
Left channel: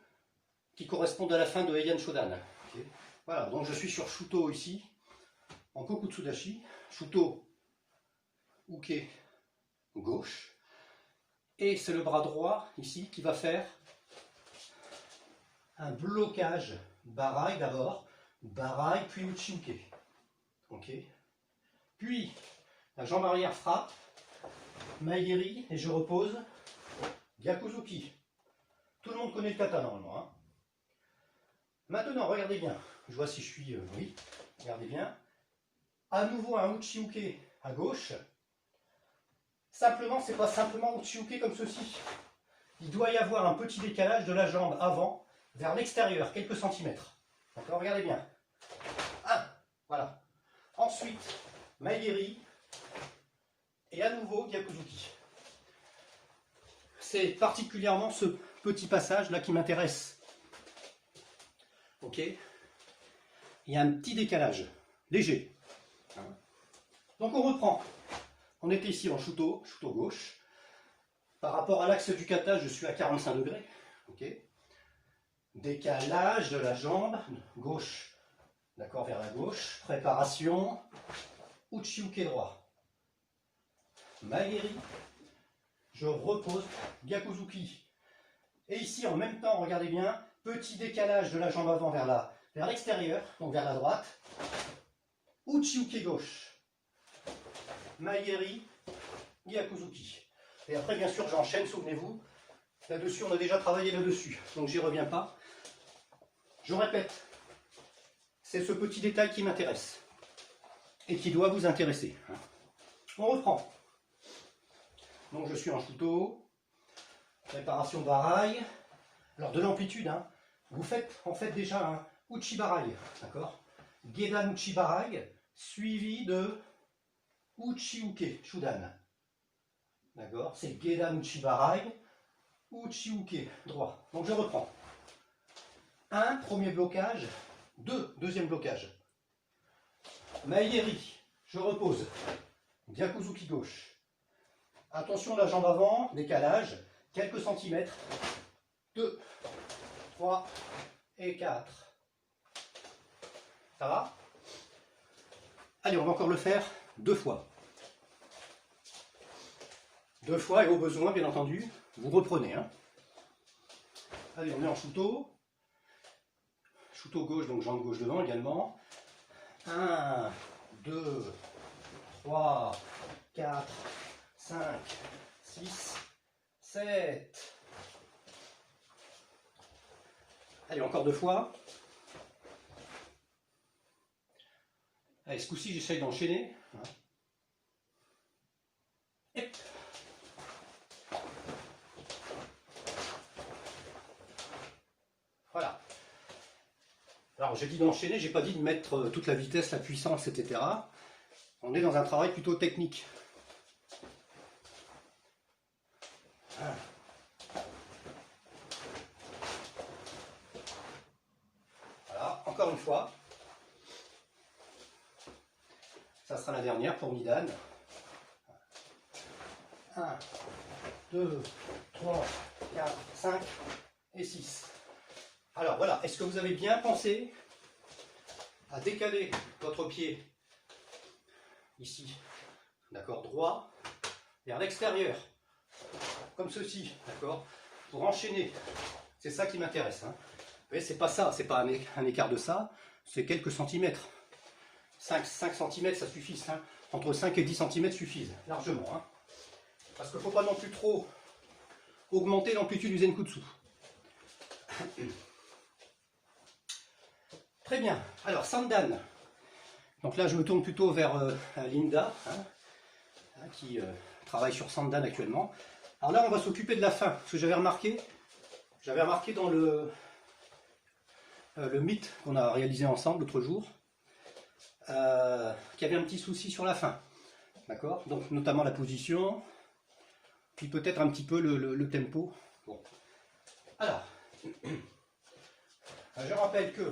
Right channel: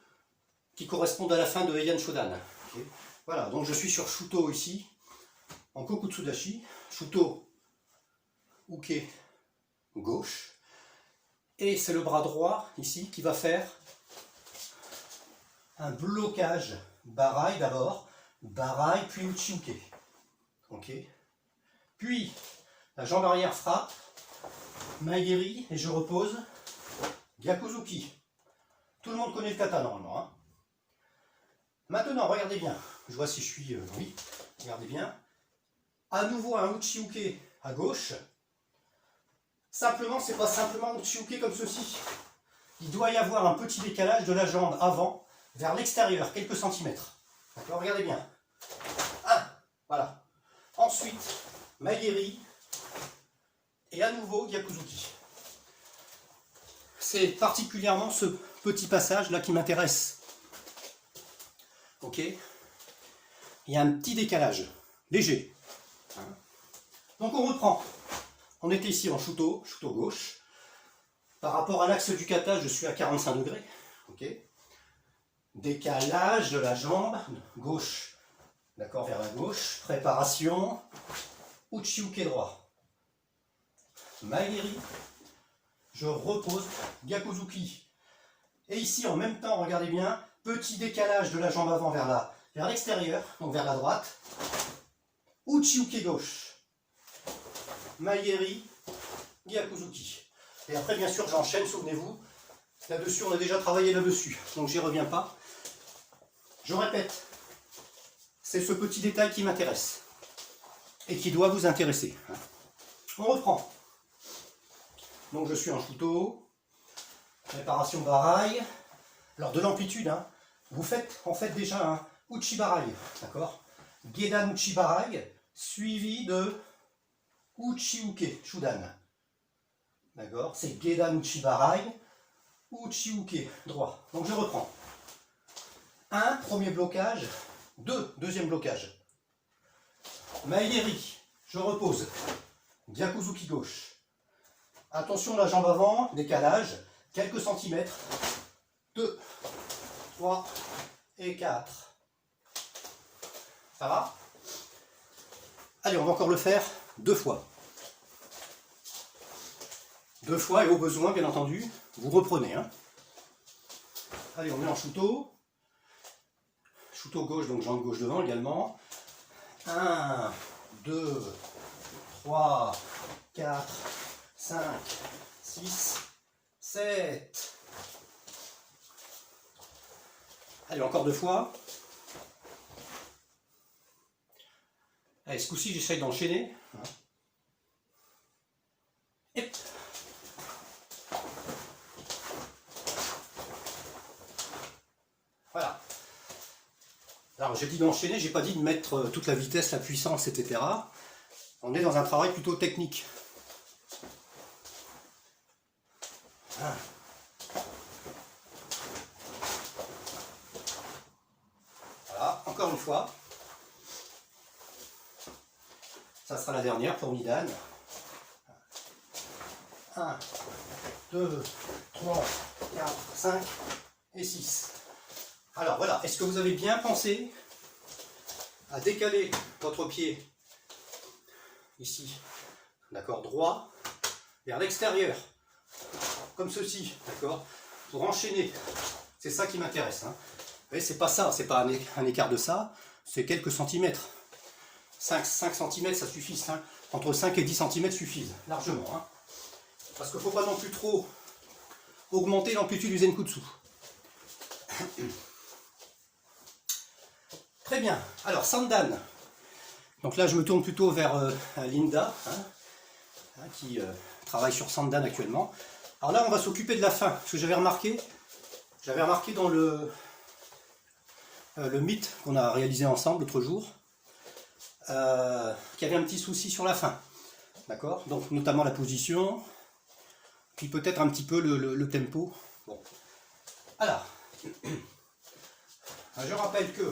qui correspondent à la fin de Heian Shodan. Okay. Voilà, donc je suis sur shuto ici, en Kokutsudashi, shuto uke gauche, et c'est le bras droit ici qui va faire un blocage barai d'abord, barai puis uchi-uke. Ok. Puis la jambe arrière frappe, maigeri et je repose, gyakuzuki. Tout le monde connaît le kata normalement. Hein. Maintenant, regardez bien. Je vois si je suis. Oui, regardez bien. À nouveau un uchi-uke à gauche. Simplement, c'est pas simplement uchi-uke comme ceci. Il doit y avoir un petit décalage de la jambe avant vers l'extérieur, quelques centimètres. D'accord, regardez bien. 1, voilà. Ensuite, maigeri et à nouveau gyakuzuki. C'est particulièrement ce petit passage là qui m'intéresse. Ok. Il y a un petit décalage, léger. Donc on reprend. On était ici en shuto gauche. Par rapport à l'axe du kata, je suis à 45 degrés. Ok. Décalage de la jambe gauche. D'accord, vers la gauche. Préparation. Uchi-uke droit. Maigeri. Je repose. Gyakuzuki. Et ici, en même temps, regardez bien, petit décalage de la jambe avant vers l'extérieur, donc vers la droite. Uchi-uke gauche. Maigeri. Gyakuzuki. Et après, bien sûr, j'enchaîne, souvenez-vous. Là-dessus, on a déjà travaillé là-dessus, donc j'y reviens pas. Je répète, c'est ce petit détail qui m'intéresse et qui doit vous intéresser. On reprend. Donc je suis en shuto, préparation barai. Alors de l'amplitude, hein, vous faites en fait déjà un uchi barai, d'accord? Gedan uchi barai, suivi de uchi-uke, shudan. D'accord? C'est Gedan uchi barai, uchi-uke, droit. Donc je reprends. 1, premier blocage. 2, deuxième blocage. Maigeri, je repose. Gyakuzuki gauche. Attention la jambe avant, décalage, quelques centimètres. 2, 3 et 4. Ça va? Allez, on va encore le faire 2 fois. 2 fois et au besoin, bien entendu, vous reprenez. Hein. Allez, on est en shuto. Shuto gauche, donc jambe gauche devant également. 1, 2, 3, 4, 5, 6, 7. Allez, encore 2 fois. Allez, ce coup-ci, j'essaie d'enchaîner. Voilà. Alors, j'ai dit d'enchaîner, j'ai pas dit de mettre toute la vitesse, la puissance, etc. On est dans un travail plutôt technique. Voilà, encore une fois. Ça sera la dernière pour Midan. 1, 2, 3, 4, 5 et 6. Alors voilà, est-ce que vous avez bien pensé à décaler votre pied ici, d'accord, droit, vers l'extérieur, comme ceci, d'accord, pour enchaîner. C'est ça qui m'intéresse. Hein. Mais c'est pas ça, c'est pas un écart de ça, c'est quelques centimètres. 5 cm ça suffit, hein. Entre 5 et 10 cm suffisent, largement. Hein. Parce qu'il ne faut pas non plus trop augmenter l'amplitude du Zenkutsu. Très bien, alors Sandan. Donc là je me tourne plutôt vers Linda, hein, qui travaille sur Sandan actuellement. Alors là on va s'occuper de la fin, parce que j'avais remarqué dans le mythe qu'on a réalisé ensemble l'autre jour, qu'il y avait un petit souci sur la fin. D'accord? Donc notamment la position, puis peut-être un petit peu le tempo. Bon. Alors, je rappelle que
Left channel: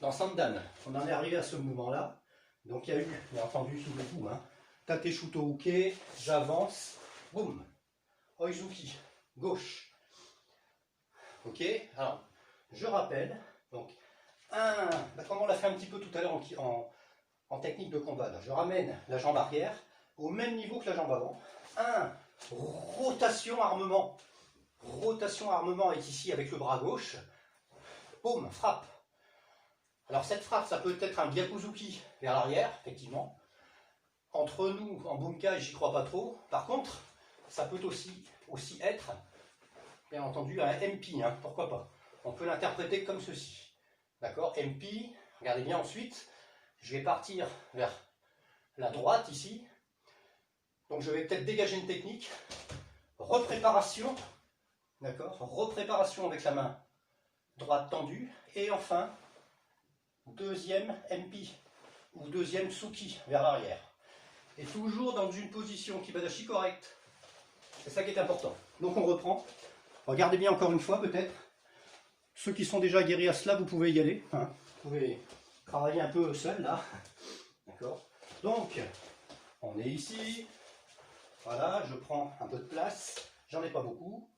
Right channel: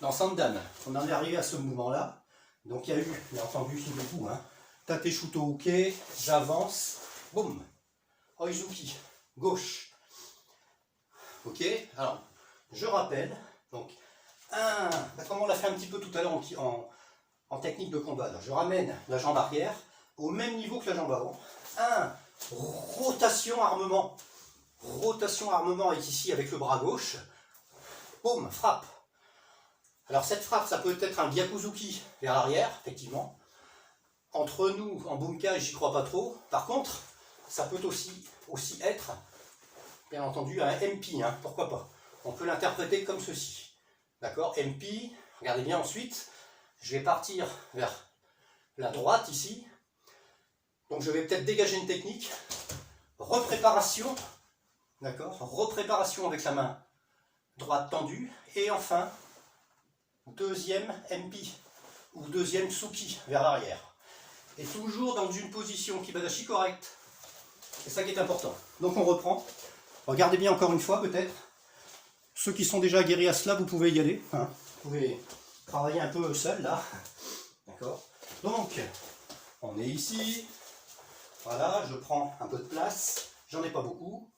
dans Sandan, on en est arrivé à ce mouvement-là. Donc il y a eu, bien entendu, Shibuku, hein, Tate Shuto Uke, j'avance, boum, Oizuki, gauche. Ok, alors, je rappelle, donc, comme on l'a fait un petit peu tout à l'heure en technique de combat, là, je ramène la jambe arrière au même niveau que la jambe avant. Rotation armement est ici avec le bras gauche, boum, frappe. Alors cette frappe, ça peut être un Gyakuzuki vers l'arrière, effectivement. Entre nous, en bunkai, j'y crois pas trop. Par contre, ça peut aussi être, bien entendu, un MP, hein, pourquoi pas. On peut l'interpréter comme ceci. D'accord, MP, regardez bien ensuite, je vais partir vers la droite ici. Donc je vais peut-être dégager une technique. Repréparation, d'accord, repréparation avec la main droite tendue. Et enfin, deuxième MP ou deuxième Tsuki vers l'arrière. Et toujours dans une position Kibadashi correcte. C'est ça qui est important. Donc on reprend. Regardez bien encore une fois peut-être. Ceux qui sont déjà aguerris à cela, vous pouvez y aller. Hein. Vous pouvez travailler un peu seul là. D'accord. Donc, on est ici. Voilà, je prends un peu de place. J'en ai pas beaucoup.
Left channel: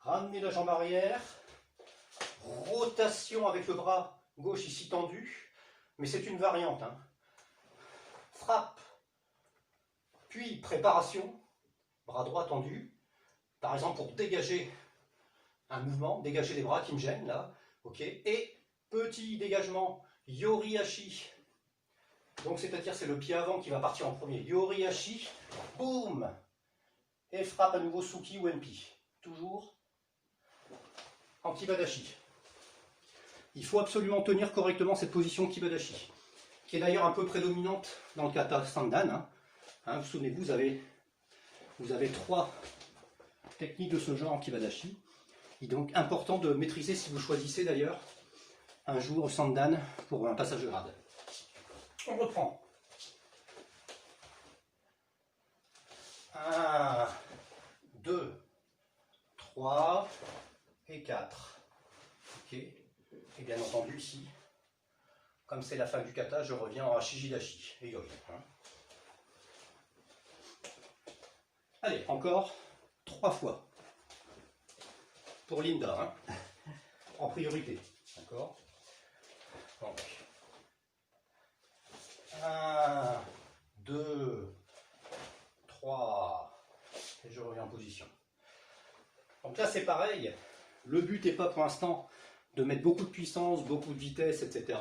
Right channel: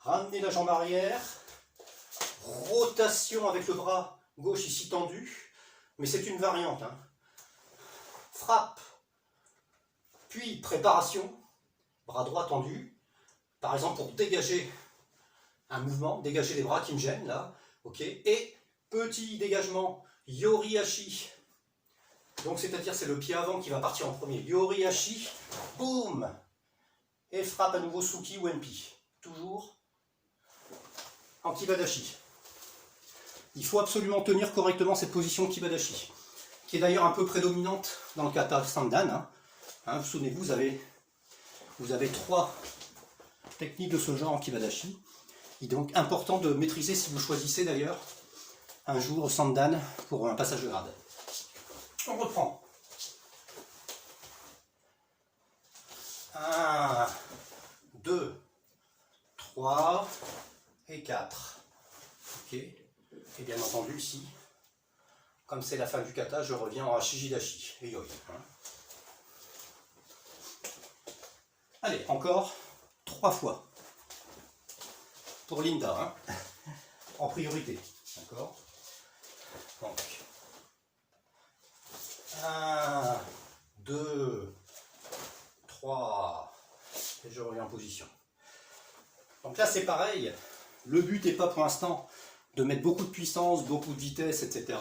Ramenez la jambe arrière. Rotation avec le bras gauche ici tendu, mais c'est une variante. Hein. Frappe, puis préparation, bras droit tendu, par exemple pour dégager un mouvement, dégager les bras qui me gênent là, ok, et petit dégagement Yorihashi, donc c'est-à-dire c'est le pied avant qui va partir en premier, Yorihashi, boum, et frappe à nouveau Tsuki ou MP, toujours en Kibadashi. Il faut absolument tenir correctement cette position Kibadashi, qui est d'ailleurs un peu prédominante dans le kata Sandan. Hein, souvenez-vous, vous avez 3 techniques de ce genre en Kibadashi. Il est donc important de maîtriser, si vous choisissez d'ailleurs, un jour Sandan pour un passage de grade. On reprend. 1, 2, 3 et 4. Ok. Et bien entendu ici, comme c'est la fin du kata, je reviens en Hashijidashi et Yoi. Hein. Allez, encore 3 fois. Pour Linda, hein, en priorité. D'accord. Donc, 1, 2, 3, et je reviens en position. Donc là c'est pareil, le but n'est pas pour l'instant de mettre beaucoup de puissance, beaucoup de vitesse, etc.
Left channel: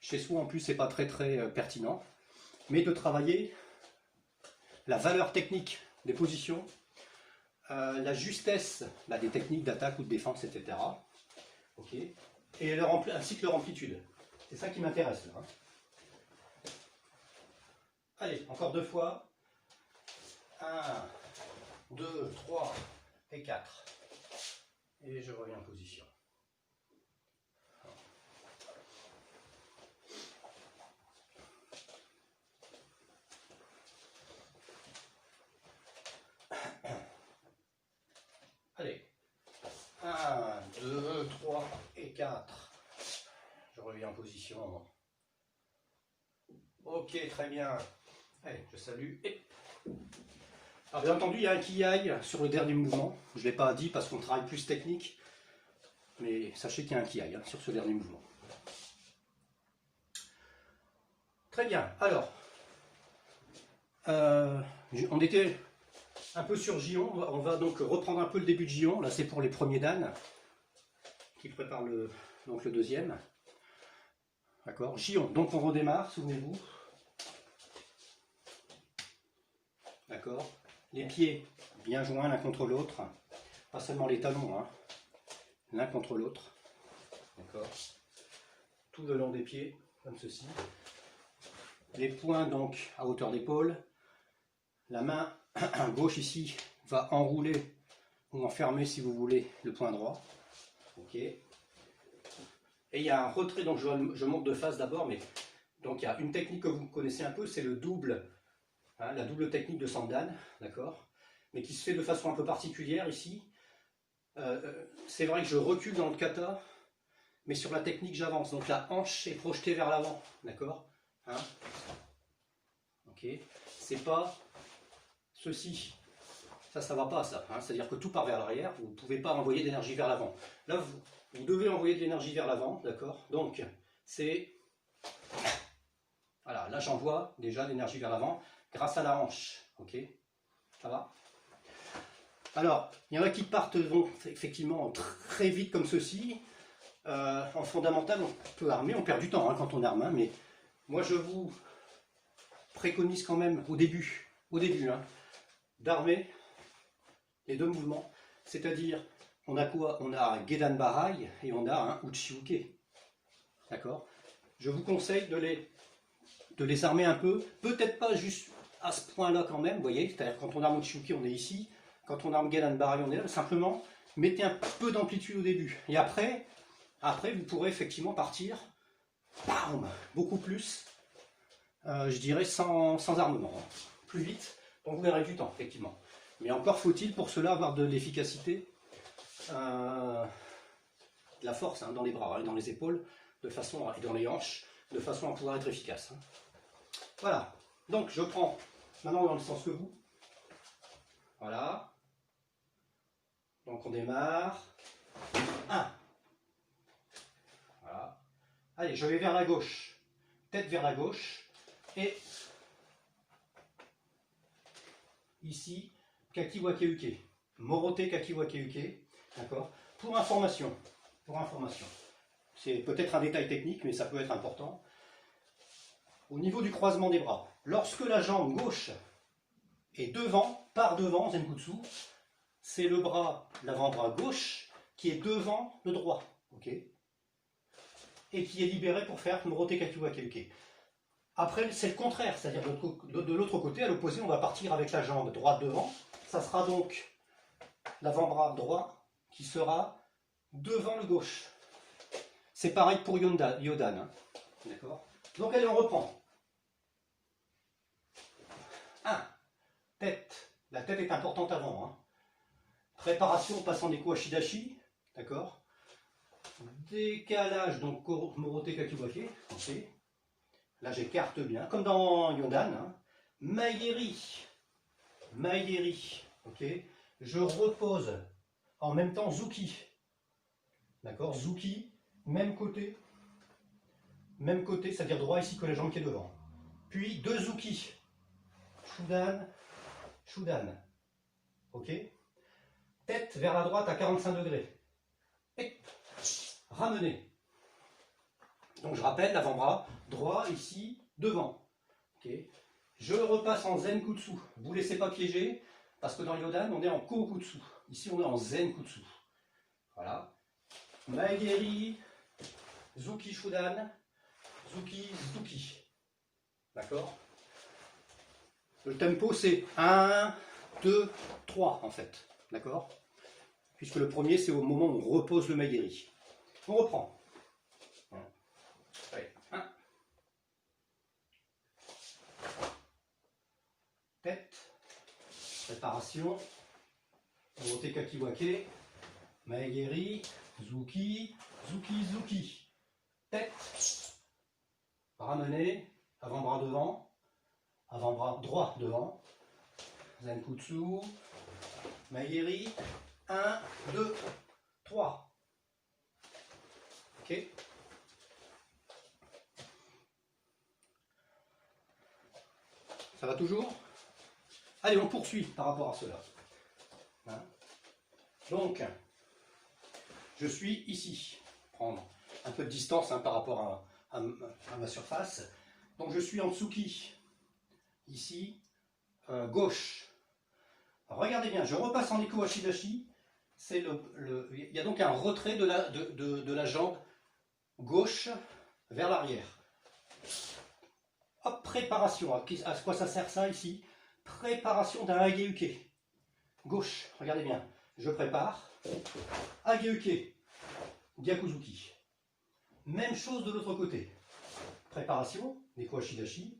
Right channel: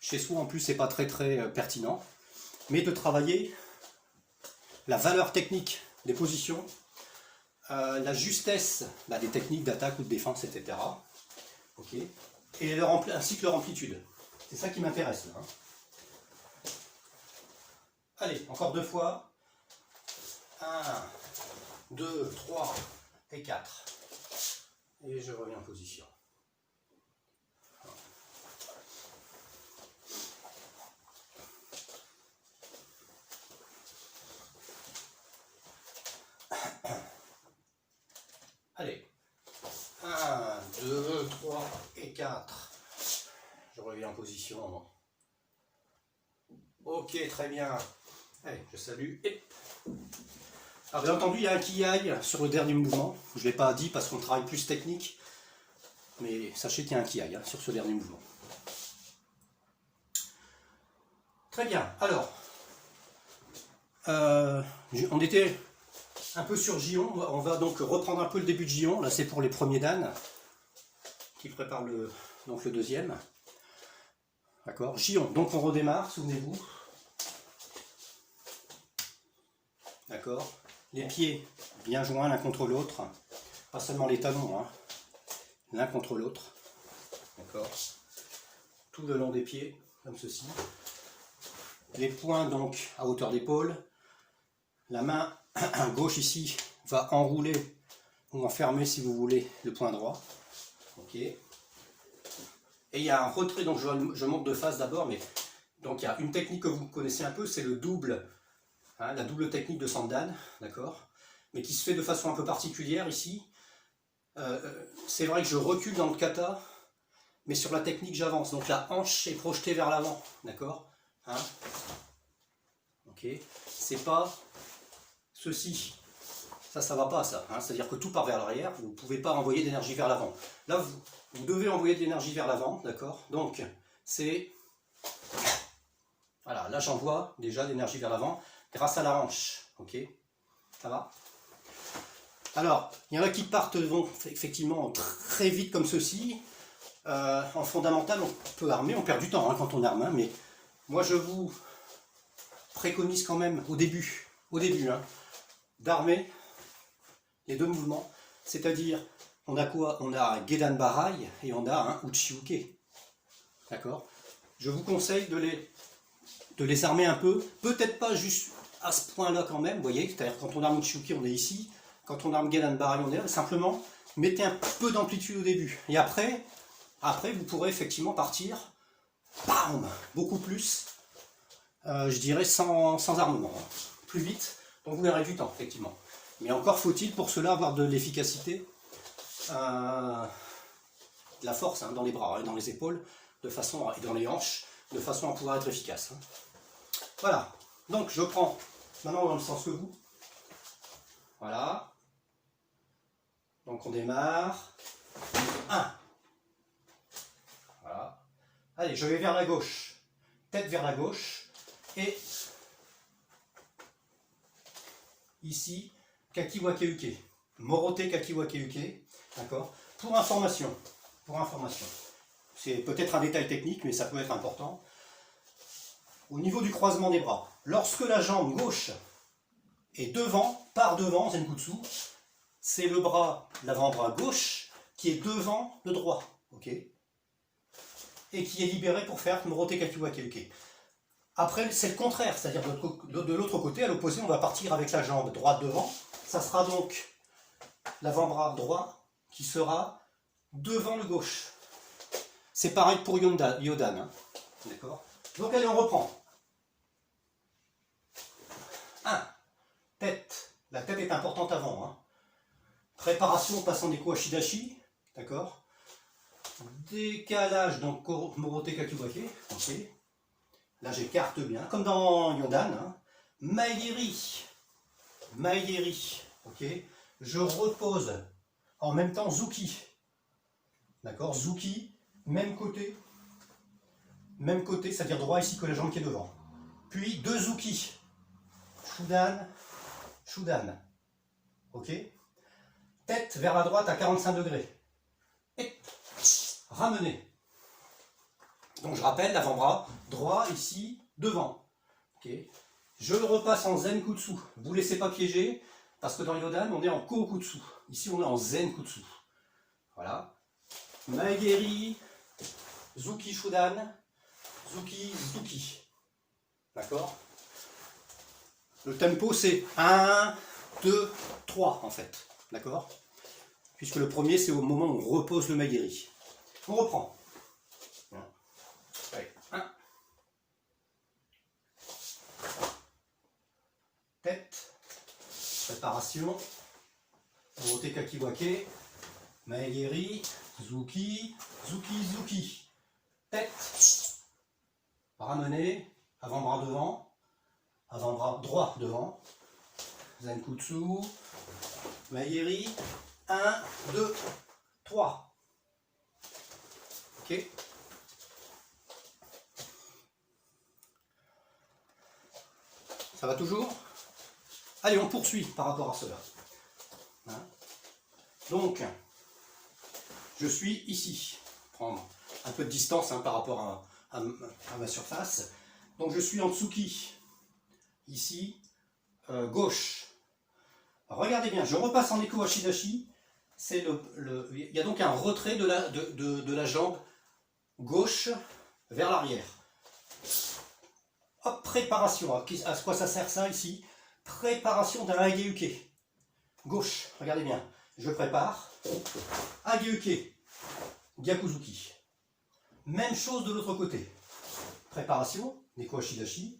Chez soi, en plus, c'est pas très pertinent. Mais de travailler la valeur technique des positions, la justesse des techniques d'attaque ou de défense, etc. Ok. Et ainsi que leur amplitude. C'est ça qui m'intéresse là. Allez, encore 2 fois. 1, 2, 3 et 4. Et je reviens en position. Allez. 1, 2, 3 et 4. Je reviens en position. Ok, très bien. Allez, je salue. Et... Alors, bien entendu, il y a un kiai sur le dernier mouvement. Je ne l'ai pas dit parce qu'on travaille plus technique. Mais sachez qu'il y a un kiai sur ce dernier mouvement. Très bien. Alors, on était un peu sur Gion. On va donc reprendre un peu le début de Gion. Là, c'est pour les premiers Dan qui préparent donc le deuxième. D'accord. Gion. Donc, on redémarre, souvenez-vous. D'accord. Les pieds bien joints l'un contre l'autre. Pas seulement les talons, hein. L'un contre l'autre. D'accord. Tout le long des pieds, comme ceci. Les poings donc à hauteur d'épaule. La main gauche ici va enrouler ou enfermer si vous voulez le poing droit. Ok. Et il y a un retrait, donc je monte de face d'abord, mais donc il y a une technique que vous connaissez un peu, c'est le double, hein, la double technique de Sandan, d'accord, mais qui se fait de façon un peu particulière ici. C'est vrai que je recule dans le kata, mais sur la technique j'avance, donc la hanche est projetée vers l'avant, d'accord, hein. Ok, c'est pas ceci, ça va pas ça, hein. C'est-à-dire que tout part vers l'arrière, vous ne pouvez pas envoyer d'énergie vers l'avant. Là vous devez envoyer de l'énergie vers l'avant, d'accord, donc c'est, voilà, là j'envoie déjà de l'énergie vers l'avant grâce à la hanche, ok, ça va. Alors, il y en a qui partent vont effectivement très vite comme ceci. En fondamental, on peut armer, on perd du temps hein, quand on arme, hein, mais moi je vous préconise quand même au début hein, d'armer les deux mouvements. C'est-à-dire, on a quoi? On a un Gedan Barai et on a un Uchi-Uke. D'accord? Je vous conseille de les armer un peu, peut-être pas juste à ce point-là quand même, vous voyez, c'est-à-dire quand on arme Uchi-Uke, on est ici. Quand on arme Gedan Barai, on est là. Simplement, mettez un peu d'amplitude au début. Et après, vous pourrez effectivement partir, bam, beaucoup plus, je dirais sans armement. Plus vite, donc vous gagnerez du temps, effectivement. Mais encore faut-il pour cela avoir de l'efficacité, de la force hein, dans les bras et dans les épaules, et dans les hanches, de façon à pouvoir être efficace. Hein. Voilà. Donc je prends maintenant dans le sens que vous. Voilà. Donc on démarre. 1. Voilà. Allez, je vais vers la gauche. Tête vers la gauche. Et ici, Kakiwake-uke. Morote Kakiwake-uke. D'accord. Pour information. C'est peut-être un détail technique, mais ça peut être important. Au niveau du croisement des bras, lorsque la jambe gauche est par devant, Zenkutsu, c'est le bras, l'avant-bras gauche, qui est devant le droit, ok, et qui est libéré pour faire Morote Kakiwake-uke. Après, c'est le contraire, c'est-à-dire de l'autre côté, à l'opposé, on va partir avec la jambe droite devant. Ça sera donc l'avant-bras droit qui sera devant le gauche. C'est pareil pour Yodan, hein. D'accord. Donc allez, on reprend. 1. Tête. La tête est importante avant, hein. Préparation passant des coups à Shidashi, d'accord. Décalage, donc Morote Kakiwake, ok. Là j'écarte bien, comme dans Yodan, hein. Maigeri, ok. Je repose en même temps Zuki, d'accord. Zuki, même côté, c'est-à-dire droit ici que la jambe qui est devant. Puis 2 Zuki, Shudan, ok. Tête vers la droite à 45 degrés. Et ramener. Donc je rappelle, l'avant-bras droit ici, devant. Okay. Je repasse en Zenkutsu. Vous ne vous laissez pas piéger, parce que dans Yodan, on est en Kokutsu. Ici, on est en Zenkutsu. Voilà. Maegeri, Zuki Shudan, Zuki, Zuki. D'accord? Le tempo, c'est 1, 2, 3 en fait. D'accord? Puisque le premier, c'est au moment où on repose le Maegeri. On reprend. Allez, 1. Tête. Préparation. Orote Kakiwake. Maegeri. Zuki. Zuki, Zuki. Tête. Ramener. Avant-bras devant. Avant-bras droit devant. Zenkutsu. Maegeri. 1, 2, 3. Ok. Ça va toujours? Allez, on poursuit par rapport à cela. Hein? Donc, je suis ici. Prendre un peu de distance par rapport à ma surface. Donc, je suis en Tsuki. Ici, gauche. Regardez bien, je repasse en Eko Washidashi. Il y a donc un retrait de la jambe gauche vers l'arrière. Hop, préparation. À quoi ça sert ça ici? Préparation d'un Ageuke. Gauche, regardez bien. Je prépare. Ageuke. Gyakuzuki. Même chose de l'autre côté. Préparation. Neko Ashidashi.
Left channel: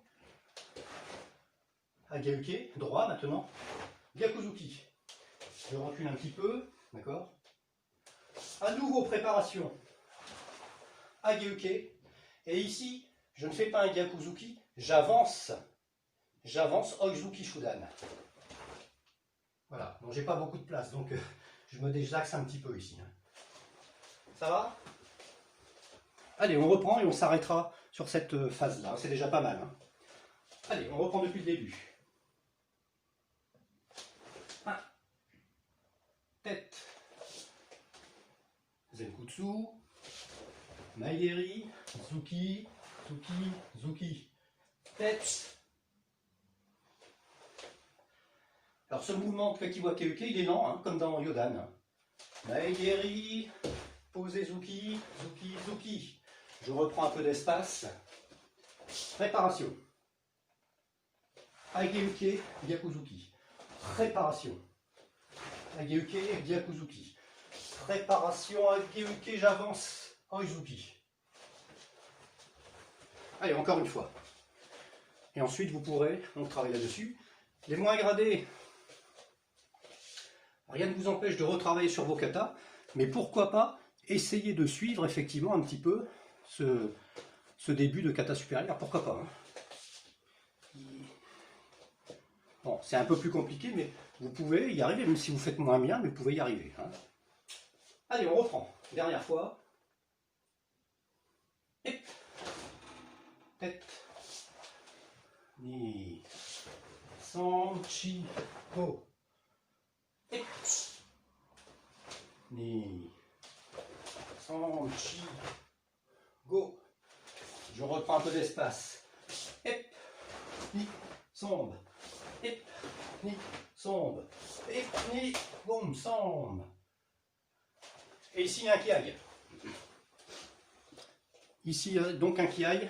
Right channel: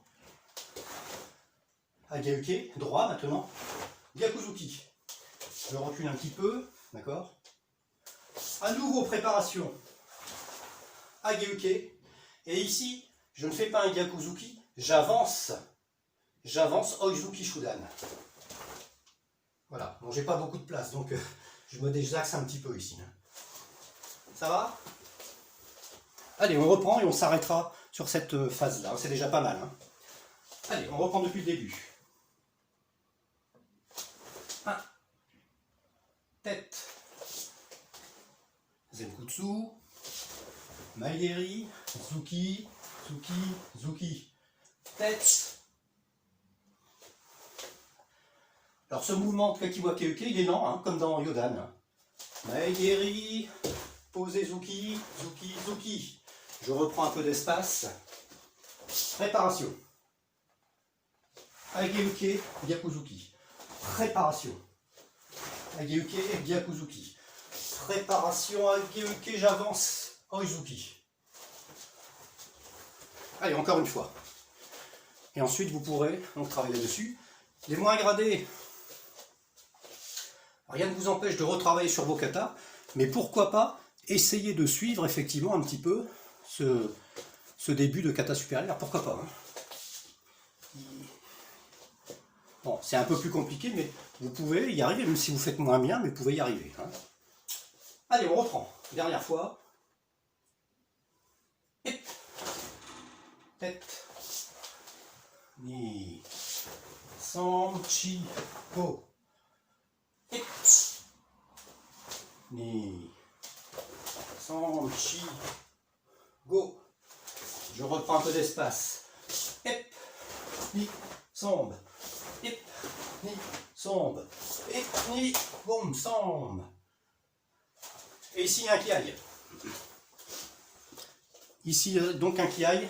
Ageuke. Droit maintenant. Gyakuzuki. Je recule un petit peu. D'accord? À nouveau, préparation. Ageuke. Et ici, je ne fais pas un Gyakuzuki. J'avance. J'avance Oizuki Shudan. Voilà. Bon, j'ai pas beaucoup de place, donc je me désaxe un petit peu ici. Ça va? Allez, on reprend et on s'arrêtera sur cette phase-là. C'est déjà pas mal. Hein. Allez, on reprend depuis le début. 1. Tête. Zenkutsu. Maegeri. Zuki. Zuki. Zuki. Tête. Alors ce mouvement de Kakiwake-uke, il est lent, hein, comme dans Yodan. Maegeri. Posez Zuki. Zuki. Zuki. Je reprends un peu d'espace. Préparation. Ageuke, Gyakuzuki. Préparation. Ageuke, Gyakuzuki. Préparation, Ageuke, j'avance. Oizuki. Allez, encore une fois. Et ensuite, vous pourrez donc travailler dessus. Les moins gradés, rien ne vous empêche de retravailler sur vos katas, mais pourquoi pas essayer de suivre effectivement un petit peu ce début de kata supérieur, pourquoi pas. Hein. Bon, c'est un peu plus compliqué, mais vous pouvez y arriver, même si vous faites moins bien, mais vous pouvez y arriver. Hein. Allez, on reprend. Dernière fois. Tête. Ni. Sanchi. Go. Ni. Sanchi. Go. Je reprends un peu d'espace. Ep. Ni. Sombe. Ep. Ni. Sombe. Ep. Ni. Boum. Sombe. Et ici, il y a un kiai. Ici, donc un kiai.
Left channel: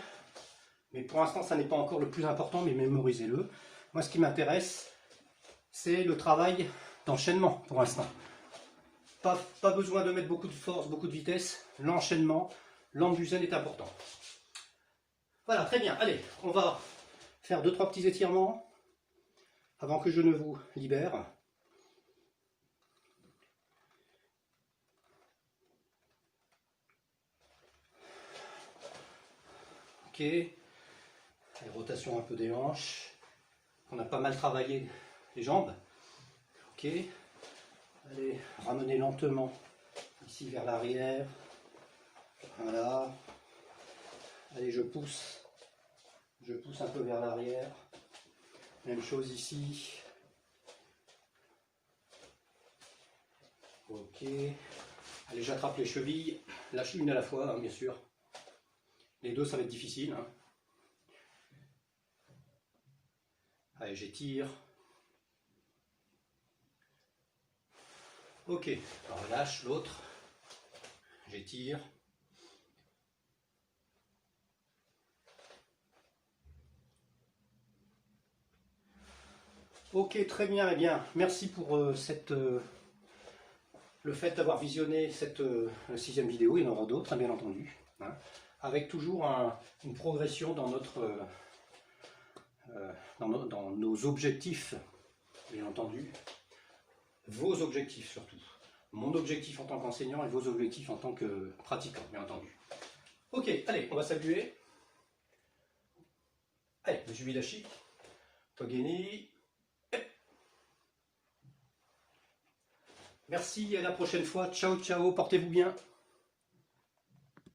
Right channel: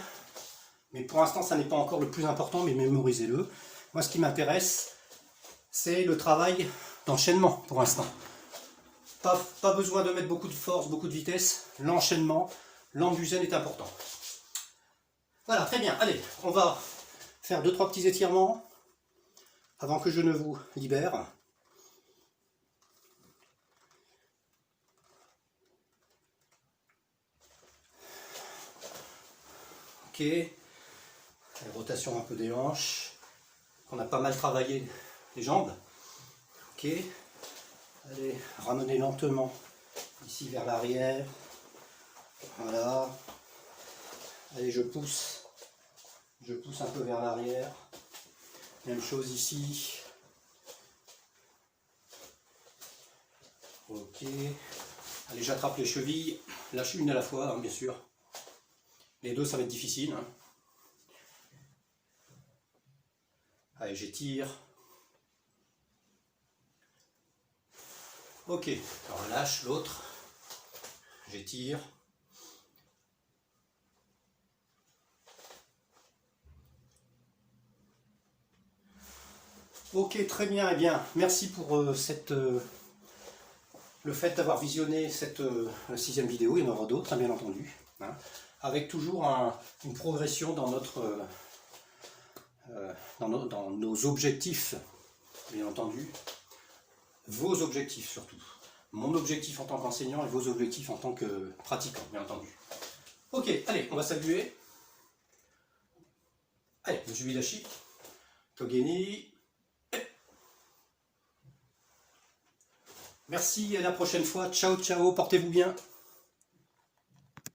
Mais pour l'instant, ça n'est pas encore le plus important, mais mémorisez-le. Moi, ce qui m'intéresse, c'est le travail d'enchaînement pour l'instant. Pas besoin de mettre beaucoup de force, beaucoup de vitesse. L'enchaînement, l'ambusen est important. Voilà, très bien. Allez, on va faire 2-3 petits étirements avant que je ne vous libère. Ok. Rotation un peu des hanches. On a pas mal travaillé les jambes. Ok. Allez, ramenez lentement ici vers l'arrière. Voilà. Allez, je pousse. Je pousse un peu vers l'arrière. Même chose ici. Ok. Allez, j'attrape les chevilles. Lâche une à la fois, hein, bien sûr. Les deux, ça va être difficile. Hein. Allez, j'étire. Ok, alors relâche l'autre. J'étire. Ok, très bien, eh bien, merci pour le fait d'avoir visionné cette 6e vidéo, il y en aura d'autres, hein, bien entendu, hein, avec toujours une progression dans dans nos objectifs, bien entendu, vos objectifs surtout, mon objectif en tant qu'enseignant et vos objectifs en tant que pratiquant, bien entendu. Ok, allez, on va saluer. Allez, Jubilashi, Togeni. Merci, à la prochaine fois. Ciao, ciao, portez-vous bien.